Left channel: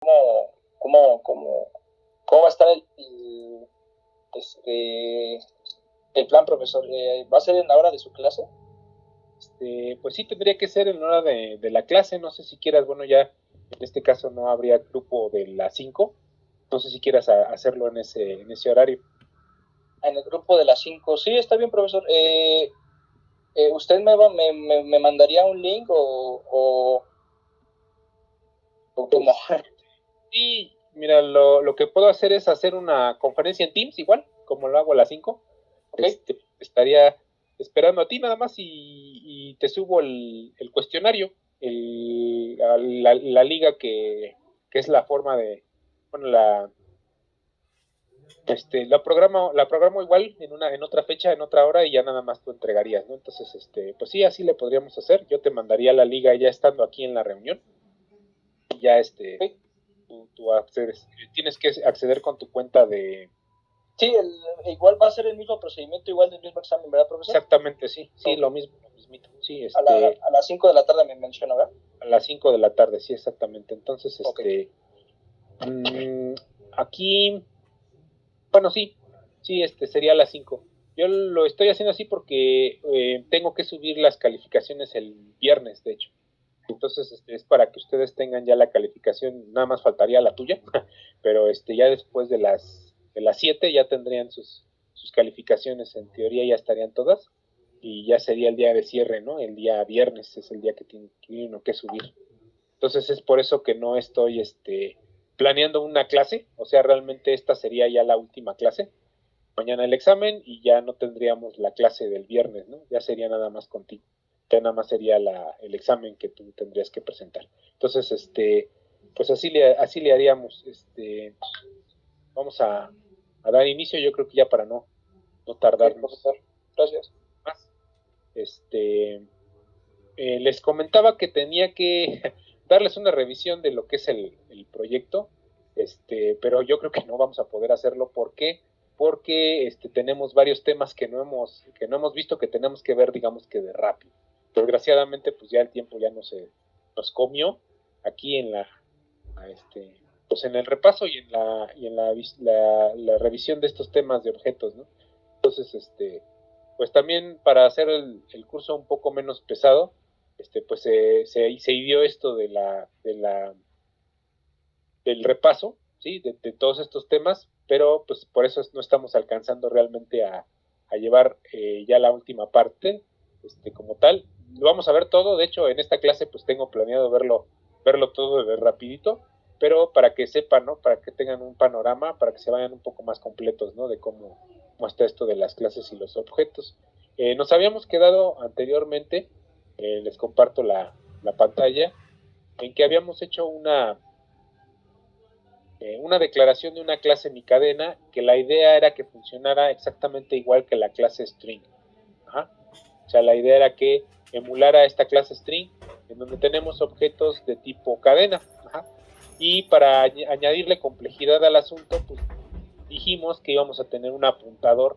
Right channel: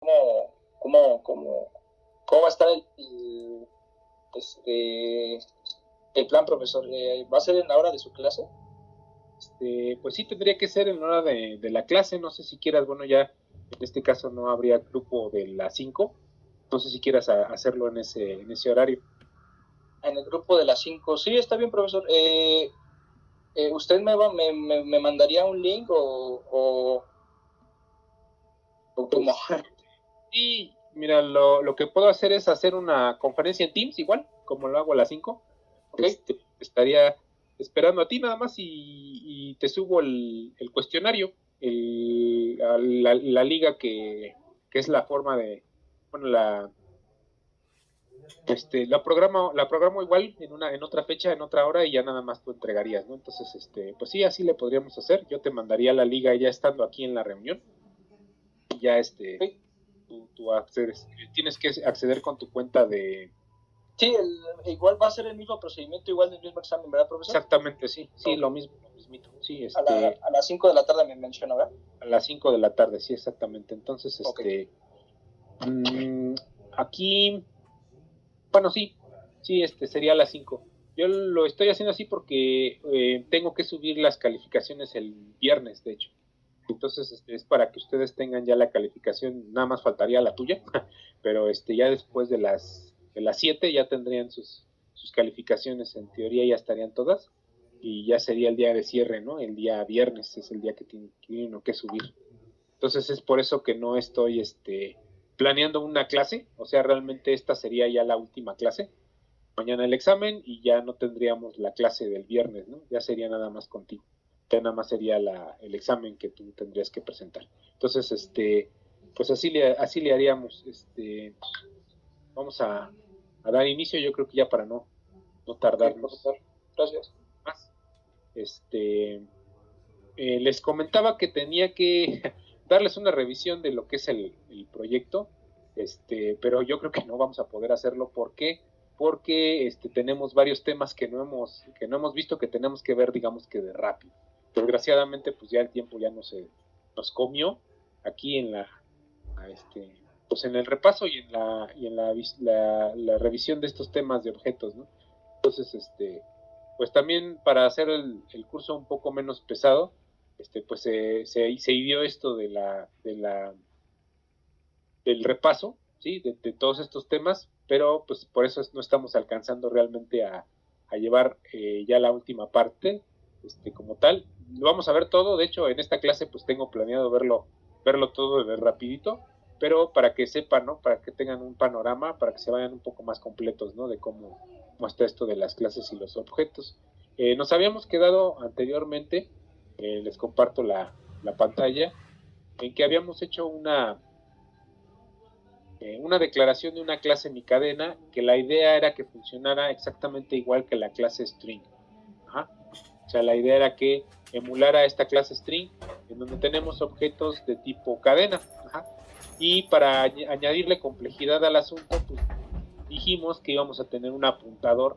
cómo, cómo, cómo va a estar este, el plan, profesor. ¿Va a ser en la hora de su clase? Pues sí, tendría que ser en hora de la clase. No sé si quieras, bueno, ya en este caso no habría grupo de las 5. No sé si quieras hacerlo en ese horario. En el grupo de las 5. Sí, está bien, profesor. ¿Usted me mandaría un link o cómo? Sí, mira, lo que puedo hacer es hacer una conferencia en Teams, igual, como lo hago a las 5. ¿Okay? Estaría esperando a ti nada más y te subo el cuestionario, la liga que es la forma de, bueno, la programo igual en otra fecha, en otra hora y ya nada más tú entregarías, ¿no? Entonces, pues sí, así le podríamos hacer. Yo te mandaría la liga ya estando aquí en la reunión y ya ¿Okay? tú accedes. Tienes que acceder con tu cuenta de. Sí, igual va a ser el mismo procedimiento, igual del mismo examen, ¿verdad, profesor? Exactamente, sí, sí, Okay. lo mismo, lo mismito. Sí, A las 5 de la tarde me mencionó, ¿verdad? a las 5 de la tarde, sí, exactamente. Entonces, Okay. mmm, aquí, bueno, sí, sí, sería a las 5. Yo lo estoy haciendo así porque tengo que subir las calificaciones el viernes, de hecho. Entonces, es para que ustedes tengan ya la calificación, nada más faltaría la tuya, pero ya después de las 7 ya tendrían sus calificaciones, en teoría ya estarían todas, y ya sería el día de cierre, ¿no? El día viernes es el día que tiene uno que subir. Entonces es por eso que no estoy planeando una clase, o sea, realmente esta sería ya la última clase. Mañana el examen y ya no tendríamos la clase del viernes, ¿no? Ya sería nada más contigo. Ya nada más sería el examen que tú tendrías que presentar. Entonces, pues así le haríamos. Vamos a dar inicio, yo creo que ya para no Okay, tardarnos profesor. Gracias. más. Les comentaba que tenía que darles una revisión de lo que es el proyecto, pero yo creo que no vamos a poder hacerlo. ¿Por qué? Porque tenemos varios temas que no hemos visto, que tenemos que ver, digamos que de rápido. Desgraciadamente, pues ya el tiempo ya nos comió aquí pues en el repaso y en la revisión de estos temas de objetos, ¿no? Entonces, pues también para hacer el curso un poco menos pesado, pues se dio esto del repaso, ¿sí? De todos estos temas, pero pues por eso no estamos alcanzando realmente a llevar ya la última parte, como tal. Lo vamos a ver todo, de hecho en esta clase pues tengo planeado verlo todo de rapidito, pero para que sepan, ¿no? Para que tengan un panorama, para que se vayan un poco más completos, ¿no? De cómo está esto de las clases y los objetos. Nos habíamos quedado anteriormente, les comparto la pantalla, en que habíamos hecho una declaración de una clase mi cadena, que la idea era que funcionara exactamente igual que la clase string. Ajá. O sea, la idea era que emulara esta clase string, en donde tenemos objetos de tipo cadena. Ajá. Y para añadirle complejidad al asunto, pues dijimos que íbamos a tener un apuntador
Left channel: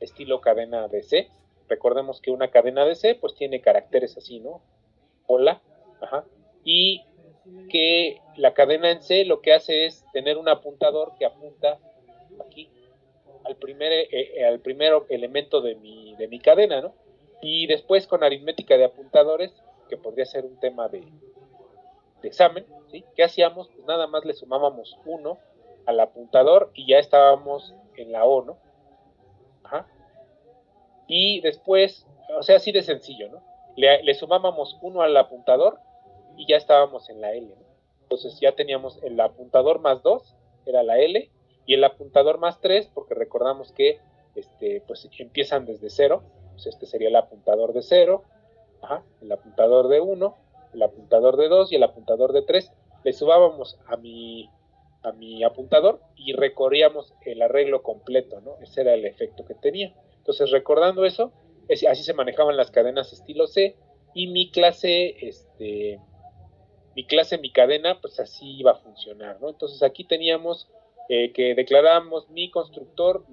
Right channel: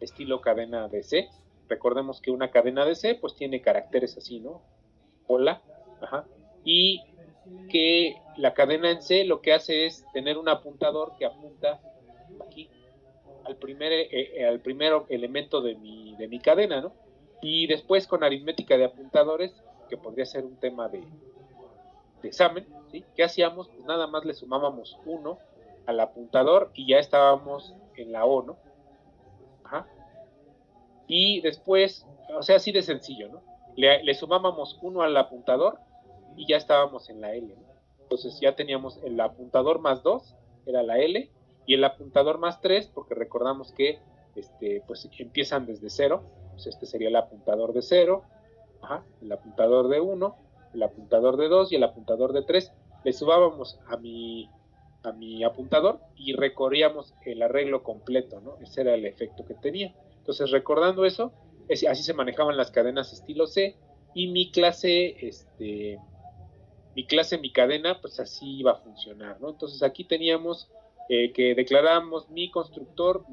estilo cadena de C. Recordemos que una cadena de C pues tiene caracteres así, ¿no? Hola. Ajá. Y que la cadena en C lo que hace es tener un apuntador que apunta aquí al primer elemento de mi cadena, ¿no? Y después con aritmética de apuntadores, que podría ser un tema de examen, ¿sí? ¿Qué hacíamos? Pues nada más le sumábamos 1 al apuntador y ya estábamos en la O, ¿no? Ajá. Y después, o sea, así de sencillo, ¿no? Le sumábamos 1 al apuntador y ya estábamos en la L, ¿no? Entonces ya teníamos el apuntador más 2, era la L, y el apuntador más 3, porque recordamos que pues empiezan desde 0, pues este sería el apuntador de 0, ajá, el apuntador de 1, el apuntador de 2 y el apuntador de 3. Le subábamos a mi apuntador y recorríamos el arreglo completo, ¿no? Ese era el efecto que tenía. Entonces, recordando eso, así se manejaban las cadenas estilo C y mi cadena, pues así iba a funcionar, ¿no? Entonces aquí teníamos que declarábamos mi constructor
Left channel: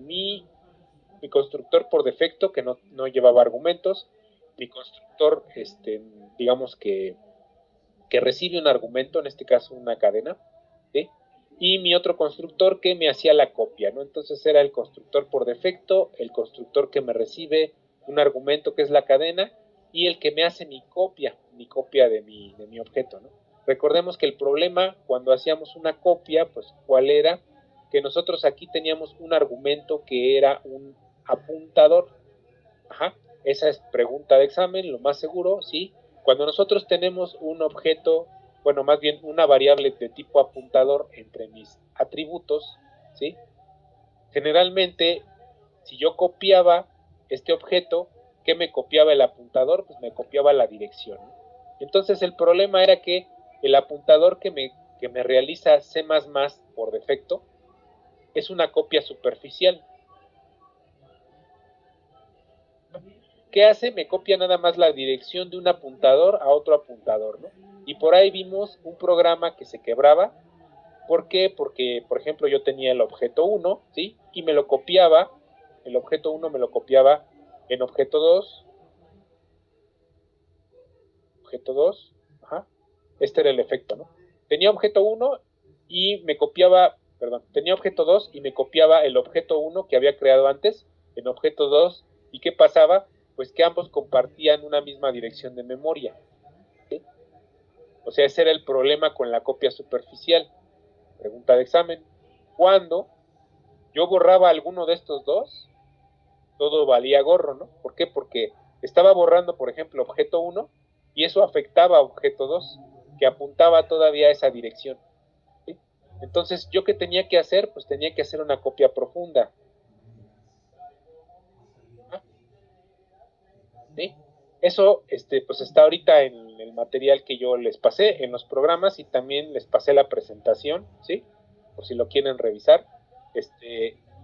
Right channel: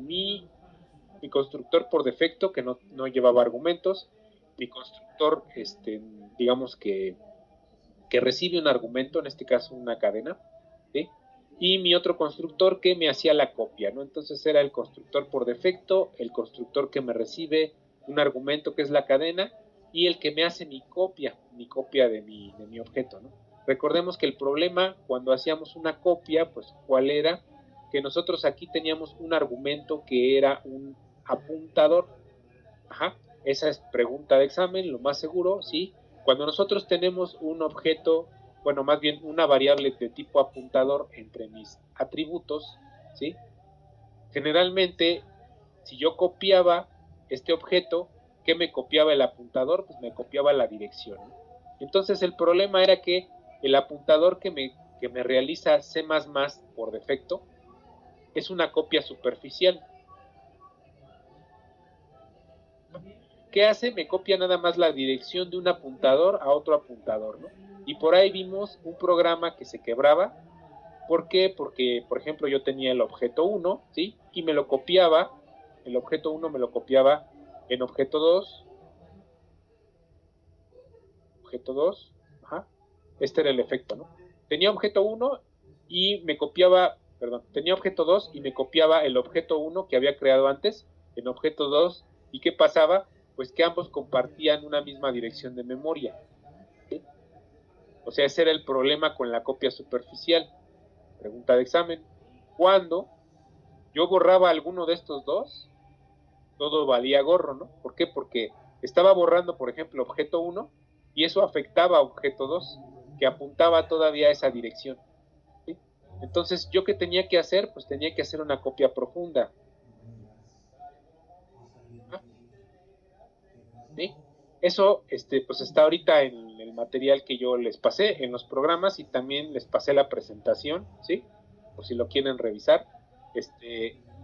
por defecto, que no llevaba argumentos, mi constructor, digamos que recibe un argumento, en este caso una cadena, ¿sí? Y mi otro constructor que me hacía la copia, ¿no? Entonces era el constructor por defecto, el constructor que me recibe un argumento que es la cadena, y el que me hace mi copia de mi objeto, ¿no? Recordemos que el problema cuando hacíamos una copia, pues, ¿cuál era? Que nosotros aquí teníamos un argumento que era un apuntador. Ajá, esa es pregunta de examen, lo más seguro, ¿sí? Cuando nosotros tenemos un objeto, bueno, más bien una variable de tipo apuntador entre mis atributos, ¿sí? Generalmente, si yo copiaba este objeto, ¿qué me copiaba el apuntador? Pues me copiaba la dirección, ¿no? Entonces el problema era que el apuntador que me realiza C++ por defecto es una copia superficial. ¿Qué hace? Me copia nada más la dirección de un apuntador a otro apuntador, ¿no? Y por ahí vimos un programa que se quebraba. ¿Por qué? Porque, por ejemplo, yo tenía el objeto 1, ¿sí? Y me lo copiaba, el objeto 1 me lo copiaba en objeto 2, objeto 2, ajá. Este era el efecto, ¿no? Tenía objeto 1 y me copiaba, perdón, tenía objeto 2 y me copiaba el objeto 1 que había creado antes en objeto 2. ¿Y qué pasaba? Pues que ambos compartían una misma dirección de memoria, ¿sí? O sea, ese era el problema con la copia superficial. Pregunta de examen. Cuando yo borraba alguno de estos dos, todo valía gorro, ¿no? ¿Por qué? Porque estaba borrando, por ejemplo, objeto 1 y eso afectaba a objeto 2, que apuntaba todavía a esa dirección, ¿sí? Entonces, ¿yo qué tenía que hacer? Pues tenía que hacer una copia profunda, ¿sí? Eso, pues está ahorita en el material que yo les pasé, en los programas, y también les pasé la presentación, ¿sí? Por si lo quieren revisar,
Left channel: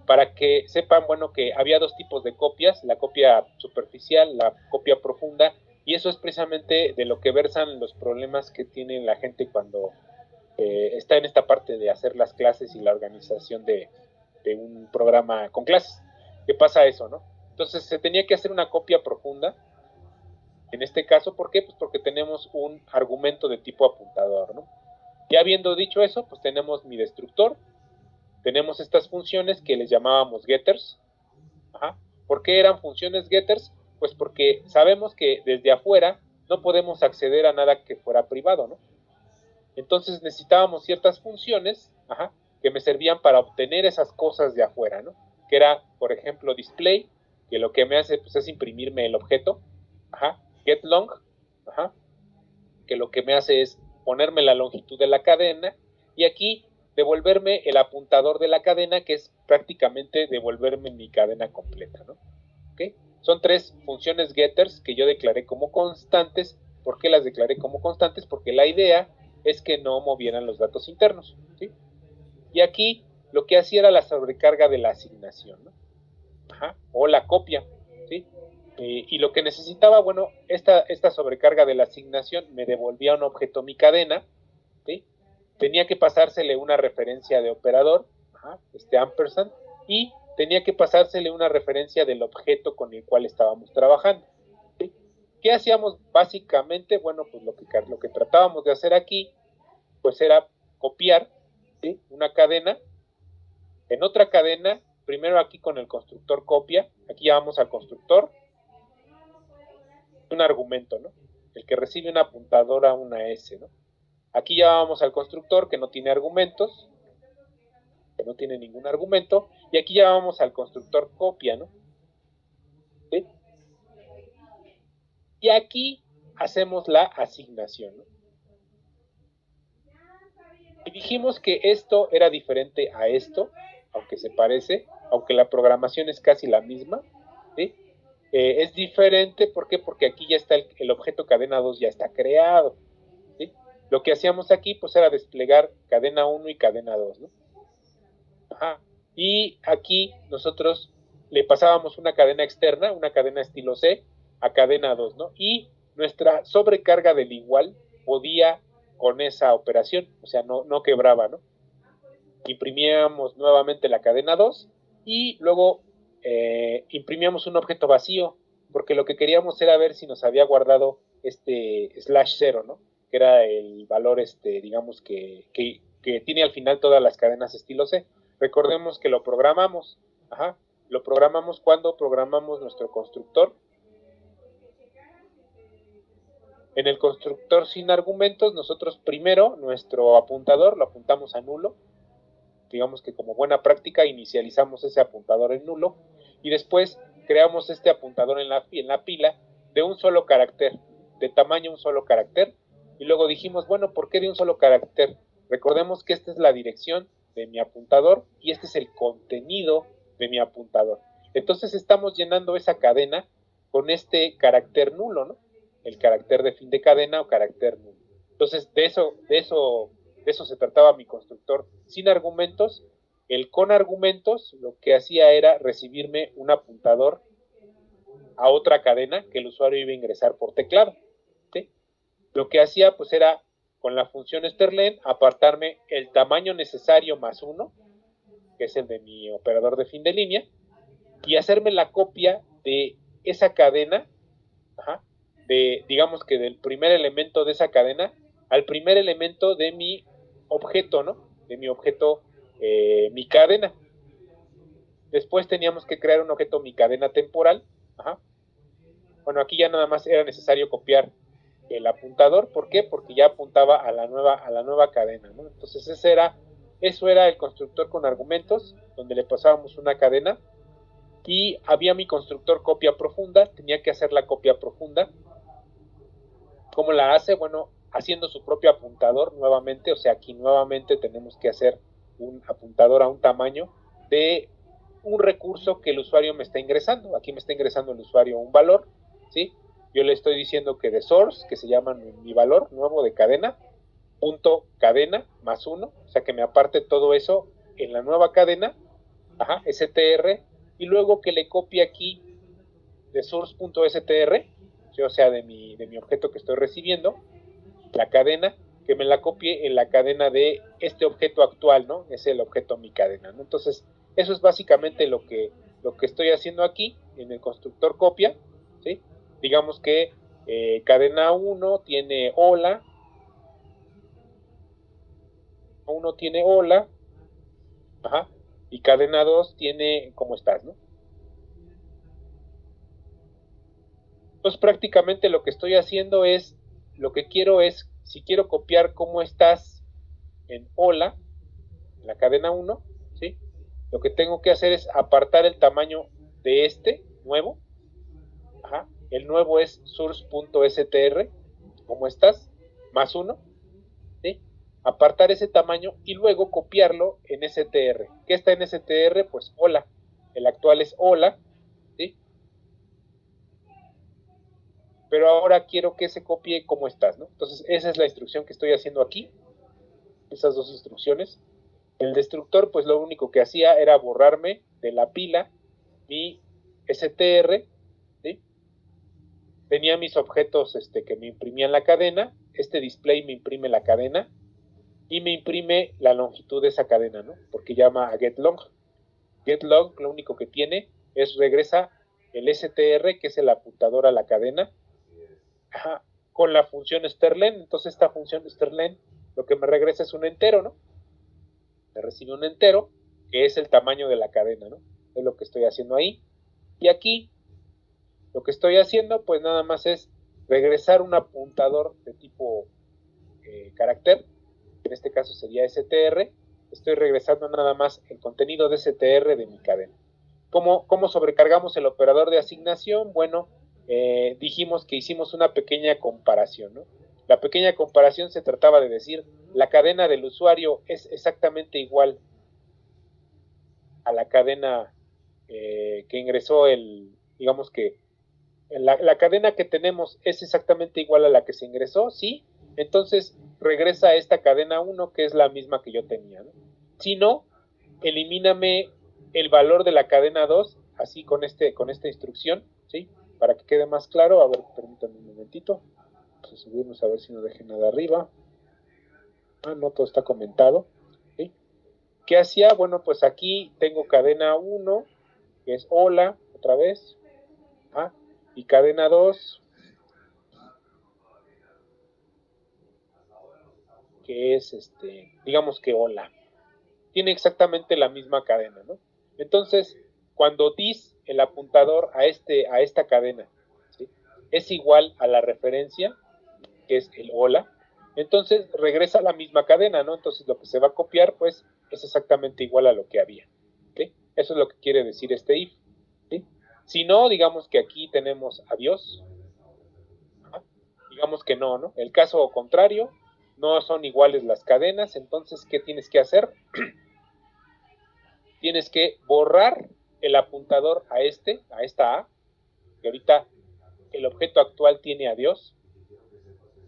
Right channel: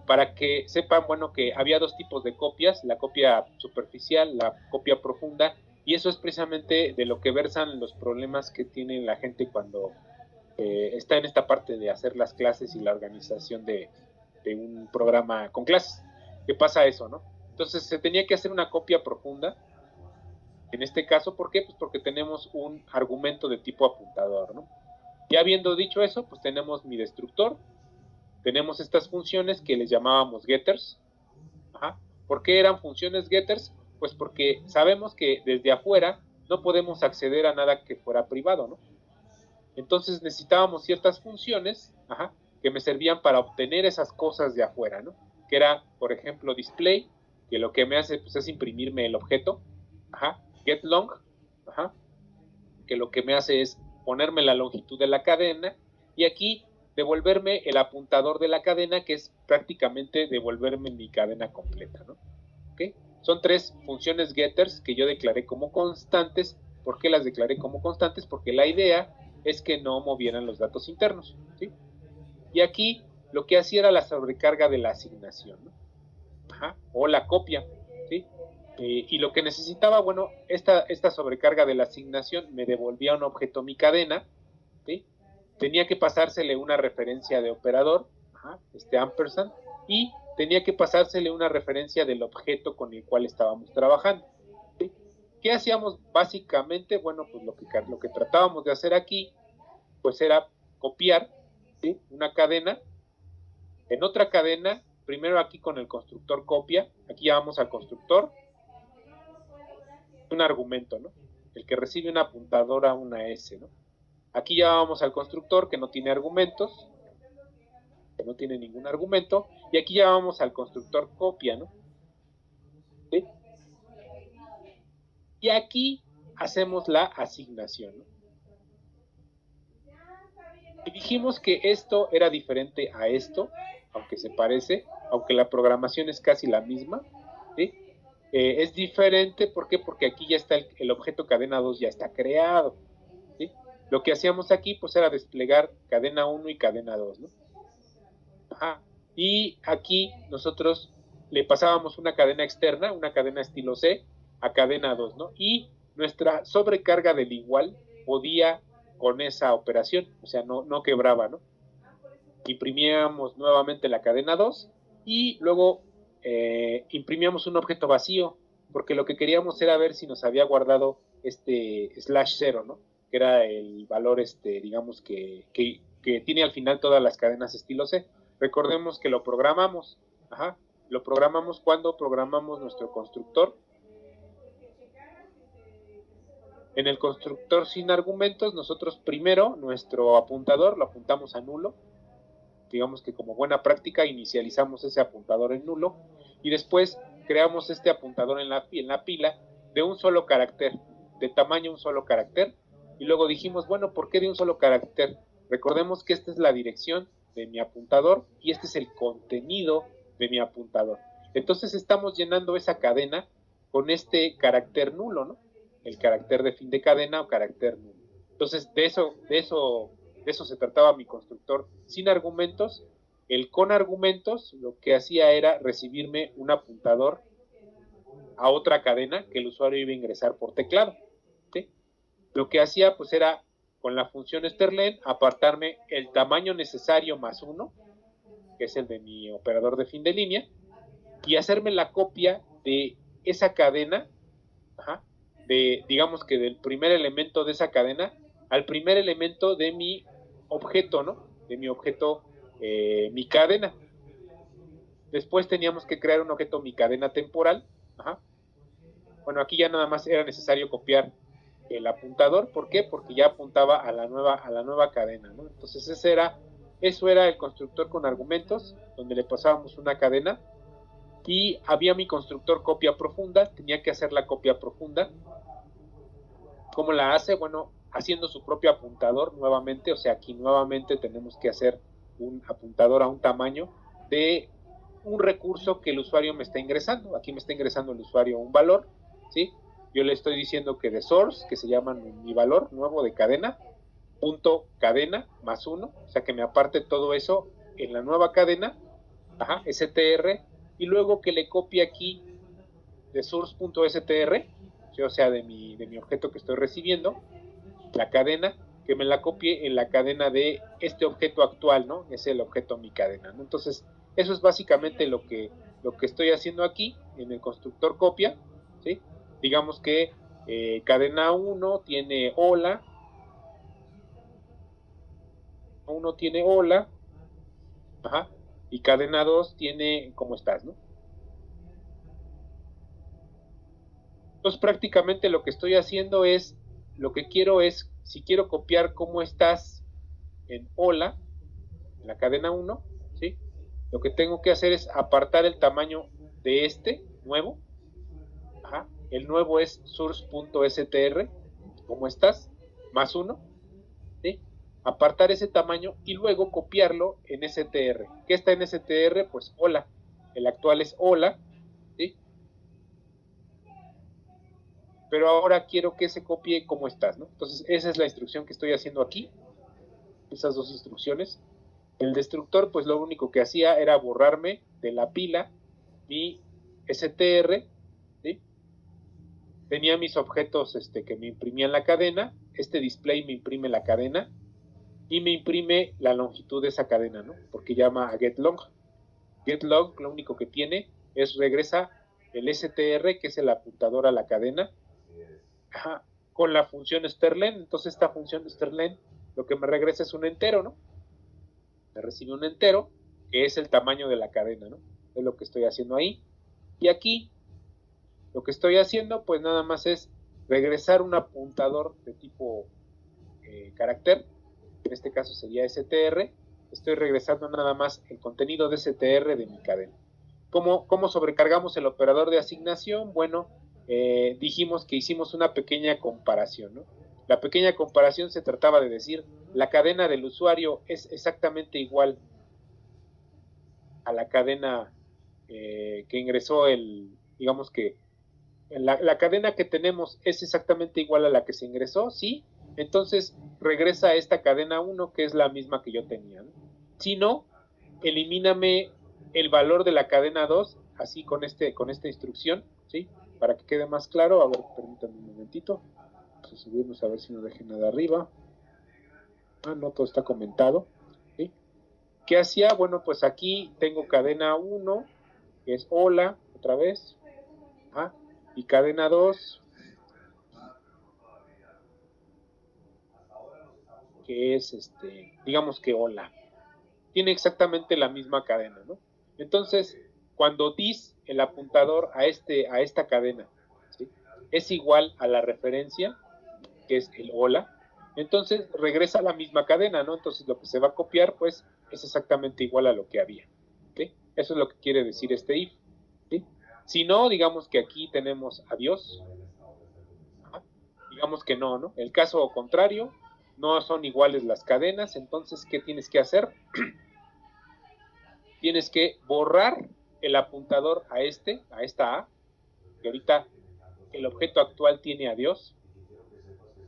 para que sepan, bueno, que había dos tipos de copias, la copia superficial, la copia profunda, y eso es precisamente de lo que versan los problemas que tiene la gente cuando está en esta parte de hacer las clases y la organización de un programa con clases. ¿Qué pasa eso, no? Entonces se tenía que hacer una copia profunda. En este caso, ¿por qué? Pues porque tenemos un argumento de tipo apuntador, ¿no? Ya habiendo dicho eso, pues tenemos mi destructor, tenemos estas funciones que les llamábamos getters. Ajá. ¿Por qué eran funciones getters? Pues porque sabemos que desde afuera no podemos acceder a nada que fuera privado, ¿no? Entonces necesitábamos ciertas funciones, ajá, que me servían para obtener esas cosas de afuera, ¿no? Que era, por ejemplo, display, que lo que me hace pues, es imprimirme el objeto, ajá, getLong, ajá, que lo que me hace es ponerme la longitud de la cadena, y aquí devolverme el apuntador de la cadena, que es prácticamente devolverme mi cadena completa, ¿no? ¿Okay? Son tres funciones getters que yo declaré como constantes. ¿Por qué las declaré como constantes? Porque la idea es que no movieran los datos internos, ¿sí? Y aquí lo que hacía era la sobrecarga de la asignación, ¿no? Ajá, o la copia, ¿sí? Y lo que necesitaba, bueno, esta sobrecarga de la asignación me devolvía un objeto mi cadena, ¿sí? Tenía que pasársele una referencia de operador, ajá, ampersand, y tenía que pasársele una referencia del objeto con el cual estábamos trabajando, ¿sí? ¿Qué hacíamos básicamente? Bueno, pues lo que tratábamos de hacer aquí, pues era copiar, ¿sí?, una cadena en otra cadena, primero aquí con el constructor copia, aquí llamamos al constructor un argumento, ¿no? El que recibe una apuntadora, una S, ¿no? Aquí ya vamos al constructor que no tiene argumentos, que no tiene ningún argumento, y aquí ya vamos al constructor copia, ¿no? ¿Sí? Y aquí hacemos la asignación, ¿no? Y dijimos que esto era diferente a esto, aunque se parece, aunque la programación es casi la misma, ¿sí? Es diferente, ¿por qué? Porque aquí ya está el objeto cadena 2 ya está creado, ¿sí? Lo que hacíamos aquí pues era desplegar cadena 1 y cadena 2, ¿no? Ajá. Y aquí nosotros le pasábamos una cadena externa, una cadena estilo C, a cadena 2, ¿no? Y nuestra sobrecarga del igual podía con esa operación, o sea, no quebraba, ¿no? Imprimíamos nuevamente la cadena 2 y luego imprimíamos un objeto vacío, porque lo que queríamos era ver si nos había guardado este slash 0, ¿no? Que era el valor, digamos, que que tiene al final todas las cadenas estilo C. Recordemos que lo programamos, lo programamos cuando programamos nuestro constructor. En el constructor sin argumentos, nosotros primero nuestro apuntador lo apuntamos a nulo. Digamos que como buena práctica inicializamos ese apuntador en nulo y después creamos este apuntador en la pila de un solo carácter, de tamaño un solo carácter, y luego dijimos, bueno, ¿por qué de un solo carácter? Recordemos que esta es la dirección de mi apuntador y este es el contenido de mi apuntador. Entonces estamos llenando esa cadena con este carácter nulo, ¿no? El carácter de fin de cadena o carácter nulo. Entonces de eso se trataba mi constructor sin argumentos. El con argumentos lo que hacía era recibirme un apuntador a otra cadena que el usuario iba a ingresar por teclado, ¿sí? Lo que hacía pues era con la función strlen apartarme el tamaño necesario más 1, que es el de mi operador de fin de línea, y hacerme la copia de esa cadena, digamos que del primer elemento de esa cadena al primer elemento de mi objeto, ¿no? De mi objeto, mi cadena. Después teníamos que crear un objeto mi cadena temporal. Bueno, aquí ya nada más era necesario copiar el apuntador. ¿Por qué? Porque ya apuntaba a la nueva cadena, ¿no? Entonces eso era el constructor con argumentos, donde le pasábamos una cadena, y había mi constructor copia profunda. Tenía que hacer la copia profunda. ¿Cómo la hace? Bueno, haciendo su propio apuntador nuevamente. O sea, aquí nuevamente tenemos que hacer un apuntador a un tamaño de un recurso que el usuario me está ingresando. Aquí me está ingresando el usuario un valor, ¿sí? Yo le estoy diciendo que de source, que se llama mi valor nuevo de cadena, punto cadena más 1, o sea que me aparte todo eso en la nueva cadena, str, y luego que le copie aquí de source.str, o sea de mi objeto que estoy recibiendo, la cadena, que me la copie en la cadena de este objeto actual, ¿no? Es el objeto mi cadena, ¿no? Entonces, eso es básicamente lo que estoy haciendo aquí en el constructor copia, ¿sí? Digamos que cadena 1 tiene hola, y cadena 2 tiene cómo estás, ¿no? Entonces, prácticamente lo que estoy haciendo es, lo que quiero es, si quiero copiar cómo estás en hola, en la cadena 1, ¿sí? Lo que tengo que hacer es apartar el tamaño de este nuevo. El nuevo es source.str, ¿cómo estás? Más 1, ¿sí? Apartar ese tamaño y luego copiarlo en str. ¿Qué está en str? Pues hola. El actual es hola, ¿sí? Pero ahora quiero que se copie cómo estás, ¿no? Entonces esa es la instrucción que estoy haciendo aquí. Esas dos instrucciones. El destructor, pues lo único que hacía era borrarme de la pila mi str, ¿sí? Tenía mis objetos que me imprimían la cadena. Este display me imprime la cadena y me imprime la longitud de esa cadena, ¿no? Porque llama a getLong. GetLong lo único que tiene es regresa el str, que es el apuntador a la cadena, con la función strlen. Entonces esta función strlen lo que me regresa es un entero, ¿no? Me recibe un entero que es el tamaño de la cadena, ¿no? Es lo que estoy haciendo ahí. Y aquí lo que estoy haciendo pues nada más es regresar un apuntador de tipo carácter, en este caso sería str. Estoy regresando nada más el contenido de str de mi cadena. ¿Cómo sobrecargamos el operador de asignación? Bueno, dijimos que hicimos una pequeña comparación, ¿no? La pequeña comparación se trataba de decir, la cadena del usuario es exactamente igual a la cadena que ingresó digamos que la cadena que tenemos es exactamente igual a la que se ingresó, ¿sí? Entonces regresa a esta cadena 1 que es la misma que yo tenía, ¿no? Si no, elimíname el valor de la cadena 2, así con esta instrucción, ¿sí? Para que quede más claro. A ver, permítanme un momentito. Vamos a subirnos a ver si no dejé nada arriba. No, todo está comentado, ¿sí? ¿Qué hacía? Bueno, pues aquí tengo cadena 1, que es hola, otra vez, y cadena 2, que es, digamos que hola. Tiene exactamente la misma cadena, ¿no? Entonces, cuando dis el apuntador a esta cadena, ¿sí?, es igual a la referencia, que es el hola, entonces regresa a la misma cadena, ¿no? Entonces lo que se va a copiar, pues, es exactamente igual a lo que había, ¿sí? Eso es lo que quiere decir este if, ¿sí? Si no, digamos que aquí tenemos adiós, ¿no? Digamos que no, ¿no? El caso contrario, no son iguales las cadenas, entonces, ¿qué tienes que hacer? Tienes que borrar el apuntador a esta A, que ahorita el objeto actual tiene adiós,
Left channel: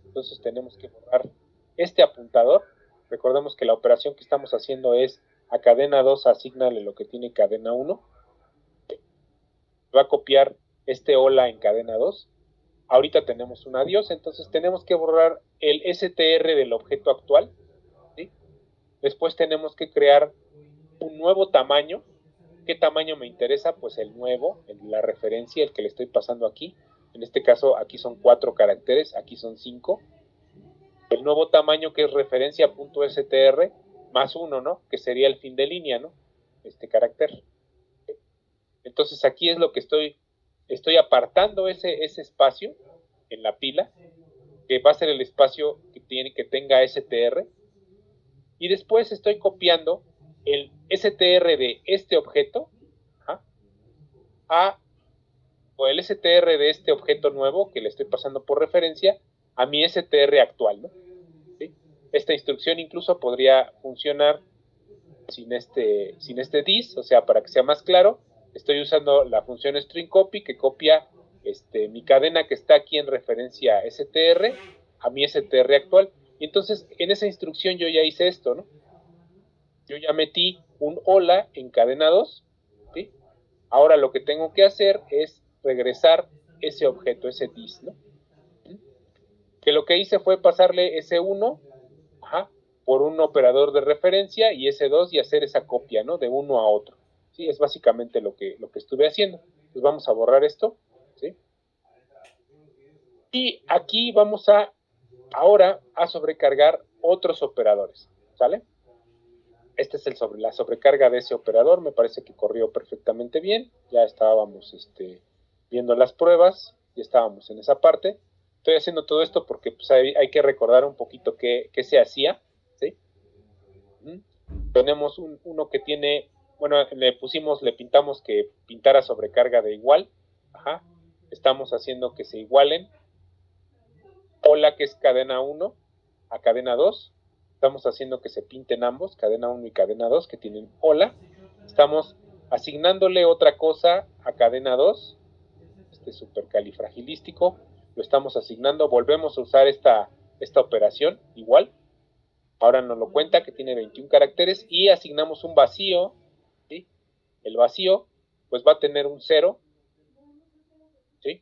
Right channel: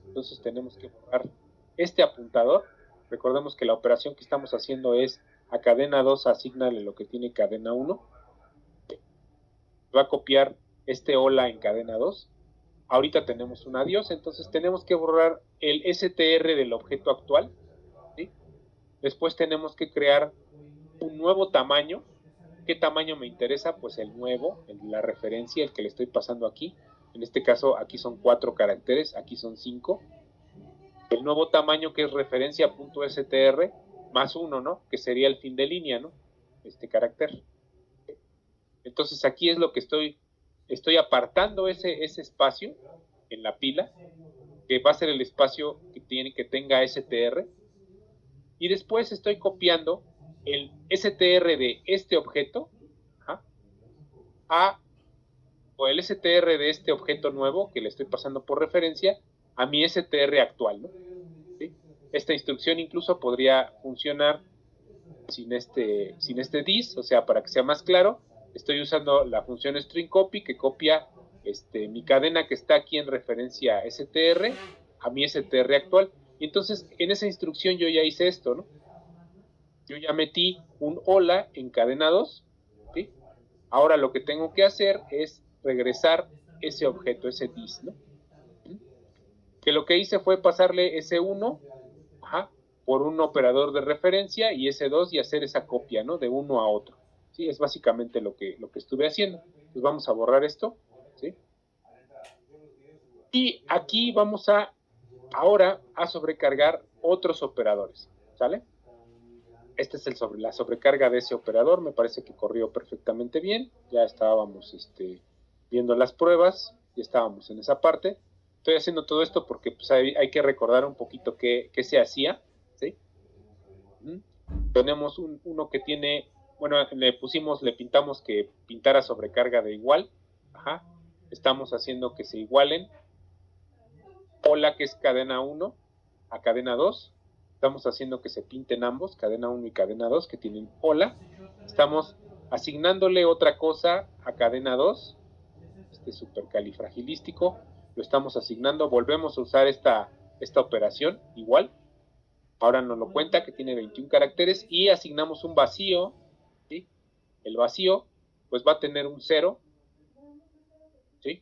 entonces tenemos que borrar este apuntador. Recordemos que la operación que estamos haciendo es a cadena 2 asignarle lo que tiene cadena 1, va a copiar este hola en cadena 2, ahorita tenemos un adiós, entonces tenemos que borrar el str del objeto actual, ¿sí? Después tenemos que crear un nuevo tamaño. ¿Qué tamaño me interesa? Pues el nuevo, la referencia, el que le estoy pasando aquí. En este caso, aquí son 4 caracteres, aquí son 5. El nuevo tamaño, que es referencia.str más 1, ¿no? Que sería el fin de línea, ¿no? Este carácter. Entonces aquí es lo que estoy apartando ese espacio en la pila, que va a ser el espacio que tenga str, y después estoy copiando el str de este objeto, ¿ah?, o el str de este objeto nuevo que le estoy pasando por referencia a mi str actual, ¿no? ¿Sí? Esta instrucción incluso podría funcionar sin este dis, o sea, para que sea más claro, estoy usando la función string copy, que copia mi cadena que está aquí en referencia a str a mi str actual, y entonces en esa instrucción yo ya hice esto, ¿no? Yo ya metí un hola en cadena 2, ¿sí? Ahora lo que tengo que hacer es regresar ese objeto, ese dis, ¿no? Que lo que hice fue pasarle ese 1, por un operador de referencia, y ese 2, y hacer esa copia, ¿no? De uno a otro. Sí, es básicamente lo que estuve haciendo. Entonces vamos a borrar esto, ¿sí? Y aquí vamos ahora a sobrecargar otros operadores, ¿sale? Este es la sobrecarga de ese operador. Me parece que corrió perfectamente bien. Ya estábamos viendo las pruebas, ya estábamos en esa parte. Estoy haciendo todo esto porque pues, hay que recordar un poquito qué se hacía, ¿sí? Tenemos uno que tiene, bueno, le pintamos que pintara sobrecarga de igual. Estamos haciendo que se igualen. Hola, que es cadena 1 a cadena 2. Estamos haciendo que se pinten ambos, cadena 1 y cadena 2, que tienen hola. Estamos asignándole otra cosa a cadena 2, supercalifragilístico, lo estamos asignando, volvemos a usar esta operación igual. Ahora nos lo cuenta que tiene 21 caracteres y asignamos un vacío, ¿sí? El vacío pues va a tener un 0, ¿sí?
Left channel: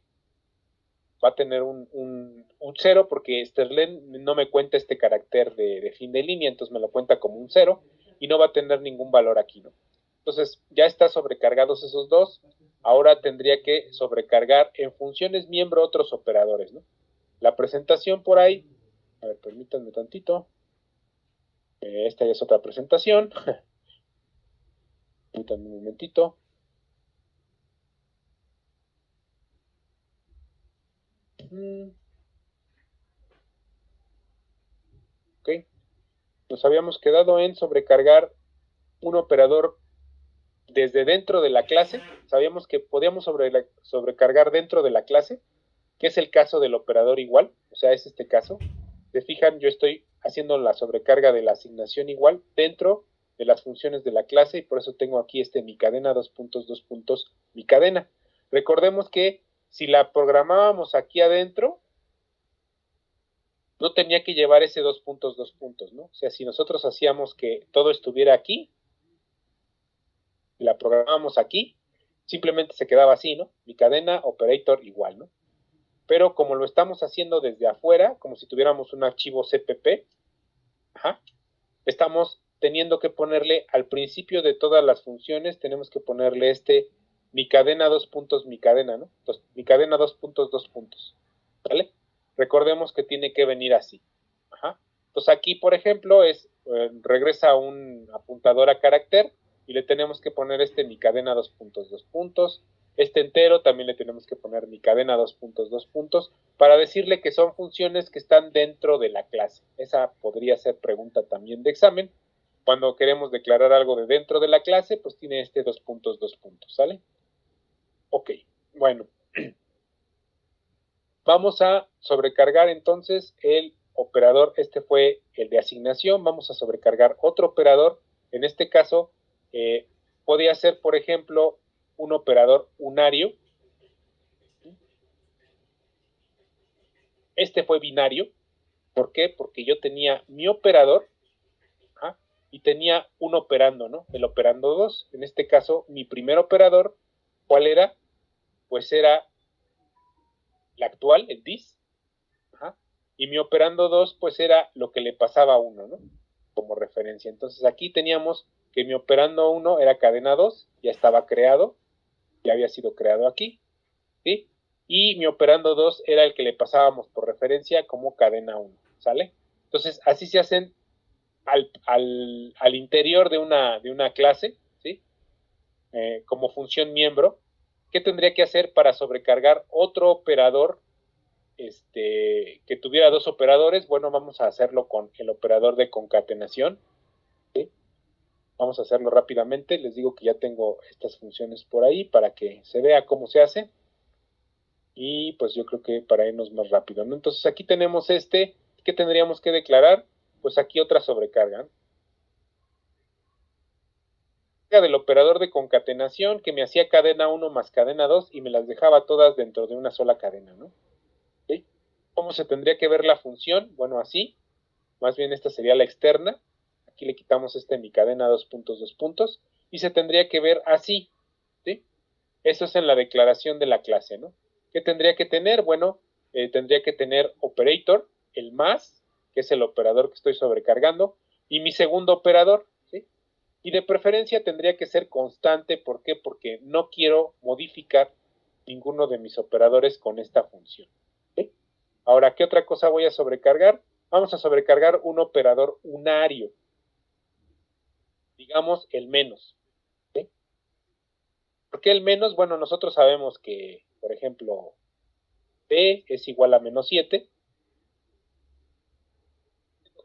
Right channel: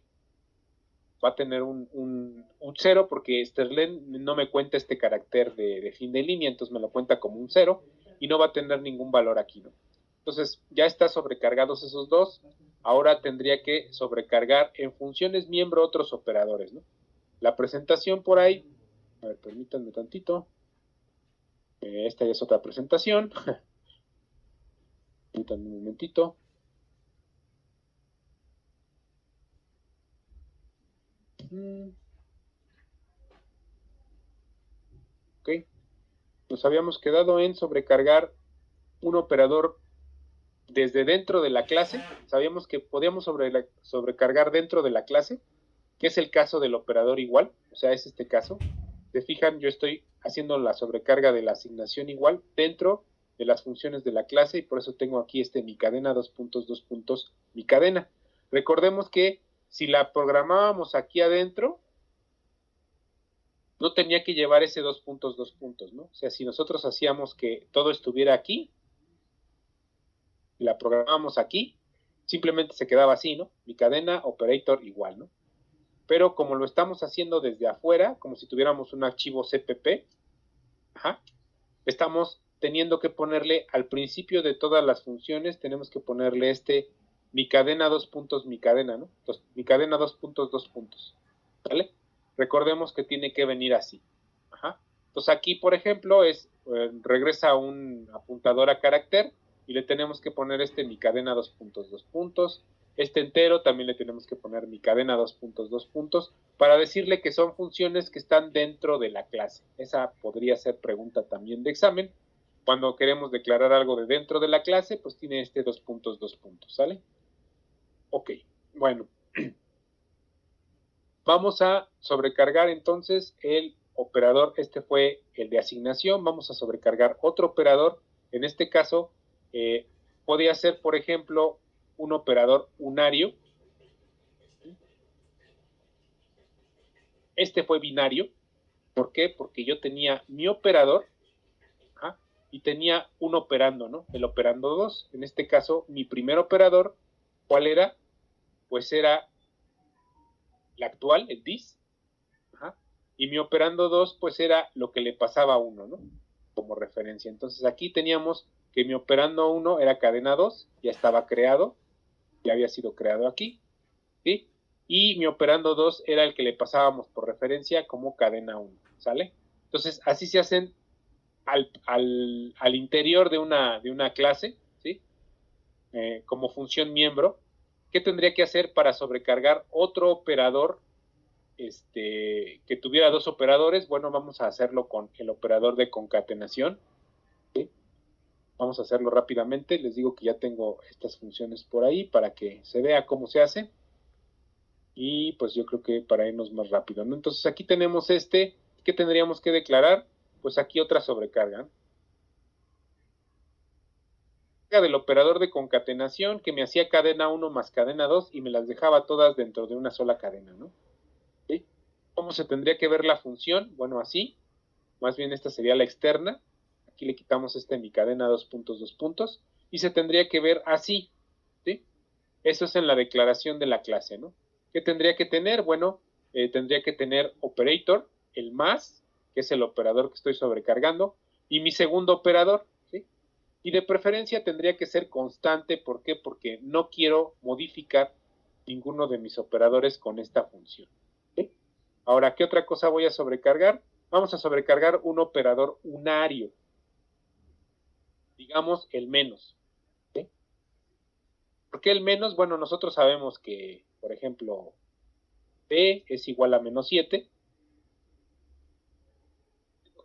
Va a tener un 0 porque Sterlen no me cuenta este carácter de fin de línea, entonces me lo cuenta como un 0 y no va a tener ningún valor aquí, ¿no? Entonces ya está sobrecargados esos dos. Ahora tendría que sobrecargar en funciones miembro otros operadores, ¿no? La presentación por ahí, a ver, permítanme tantito. Esta ya es otra presentación. Permítanme un momentito. Ok. Nos habíamos quedado en sobrecargar un operador desde dentro de la clase. Sabíamos que podíamos sobrecargar dentro de la clase, que es el caso del operador igual, o sea, es este caso. Se fijan, yo estoy haciendo la sobrecarga de la asignación igual dentro de las funciones de la clase, y por eso tengo aquí mi cadena, mi cadena. Recordemos que si la programábamos aquí adentro, no tenía que llevar ese 2 puntos, ¿no? O sea, si nosotros hacíamos que todo estuviera aquí, la programábamos aquí, simplemente se quedaba así, ¿no? Mi cadena, operator igual, ¿no? Pero como lo estamos haciendo desde afuera, como si tuviéramos un archivo CPP, estamos teniendo que ponerle al principio de todas las funciones, tenemos que ponerle mi cadena 2 puntos, mi cadena, ¿no? Entonces, mi cadena 2 puntos, ¿vale? Recordemos que tiene que venir así. Entonces aquí, por ejemplo, regresa un apuntador a carácter y le tenemos que poner mi cadena 2 puntos. Este entero también le tenemos que poner mi cadena 2 puntos para decirle que son funciones que están dentro de la clase. Esa podría ser pregunta también de examen. Cuando queremos declarar algo de dentro de la clase, pues tiene 2 puntos, ¿sale? Ok, bueno. Vamos a sobrecargar entonces el operador, fue el de asignación, vamos a sobrecargar otro operador, en este caso podría ser, por ejemplo, un operador unario, fue binario, ¿por qué? Porque yo tenía mi operador y tenía un operando, ¿no? El operando 2, en este caso mi primer operador, ¿cuál era? Pues era la actual, el dis, y mi operando 2 pues era lo que le pasaba a 1, ¿no? Como referencia. Entonces aquí teníamos que mi operando 1 era cadena 2, ya estaba creado, ya había sido creado aquí, ¿sí? Y mi operando 2 era el que le pasábamos por referencia como cadena 1, ¿sale? Entonces así se hacen al interior de una clase, ¿sí? Como función miembro. ¿Qué tendría que hacer para sobrecargar otro operador que tuviera dos operadores? Bueno, vamos a hacerlo con el operador de concatenación, ¿sí? Vamos a hacerlo rápidamente. Les digo que ya tengo estas funciones por ahí para que se vea cómo se hace. Y pues yo creo que para irnos más rápido, ¿no? Entonces aquí tenemos ¿qué tendríamos que declarar? Pues aquí otra sobrecarga, ¿no? Del operador de concatenación que me hacía cadena 1 más cadena 2 y me las dejaba todas dentro de una sola cadena, ¿no? ¿Sí? ¿Cómo se tendría que ver la función? Bueno, así. Más bien esta sería la externa. Aquí le quitamos mi cadena 2 puntos y se tendría que ver así, ¿sí? Eso es en la declaración de la clase, ¿no? ¿Qué tendría que tener? Bueno, tendría que tener operator, el más, que es el operador que estoy sobrecargando, y mi segundo operador, ¿sí? Y de preferencia tendría que ser constante. ¿Por qué? Porque no quiero modificar ninguno de mis operadores con esta función, ¿sí? Ahora, ¿qué otra cosa voy a sobrecargar? Vamos a sobrecargar un operador unario, digamos el menos, ¿sí? ¿Por qué el menos? Bueno, nosotros sabemos que, por ejemplo, B es igual a -7,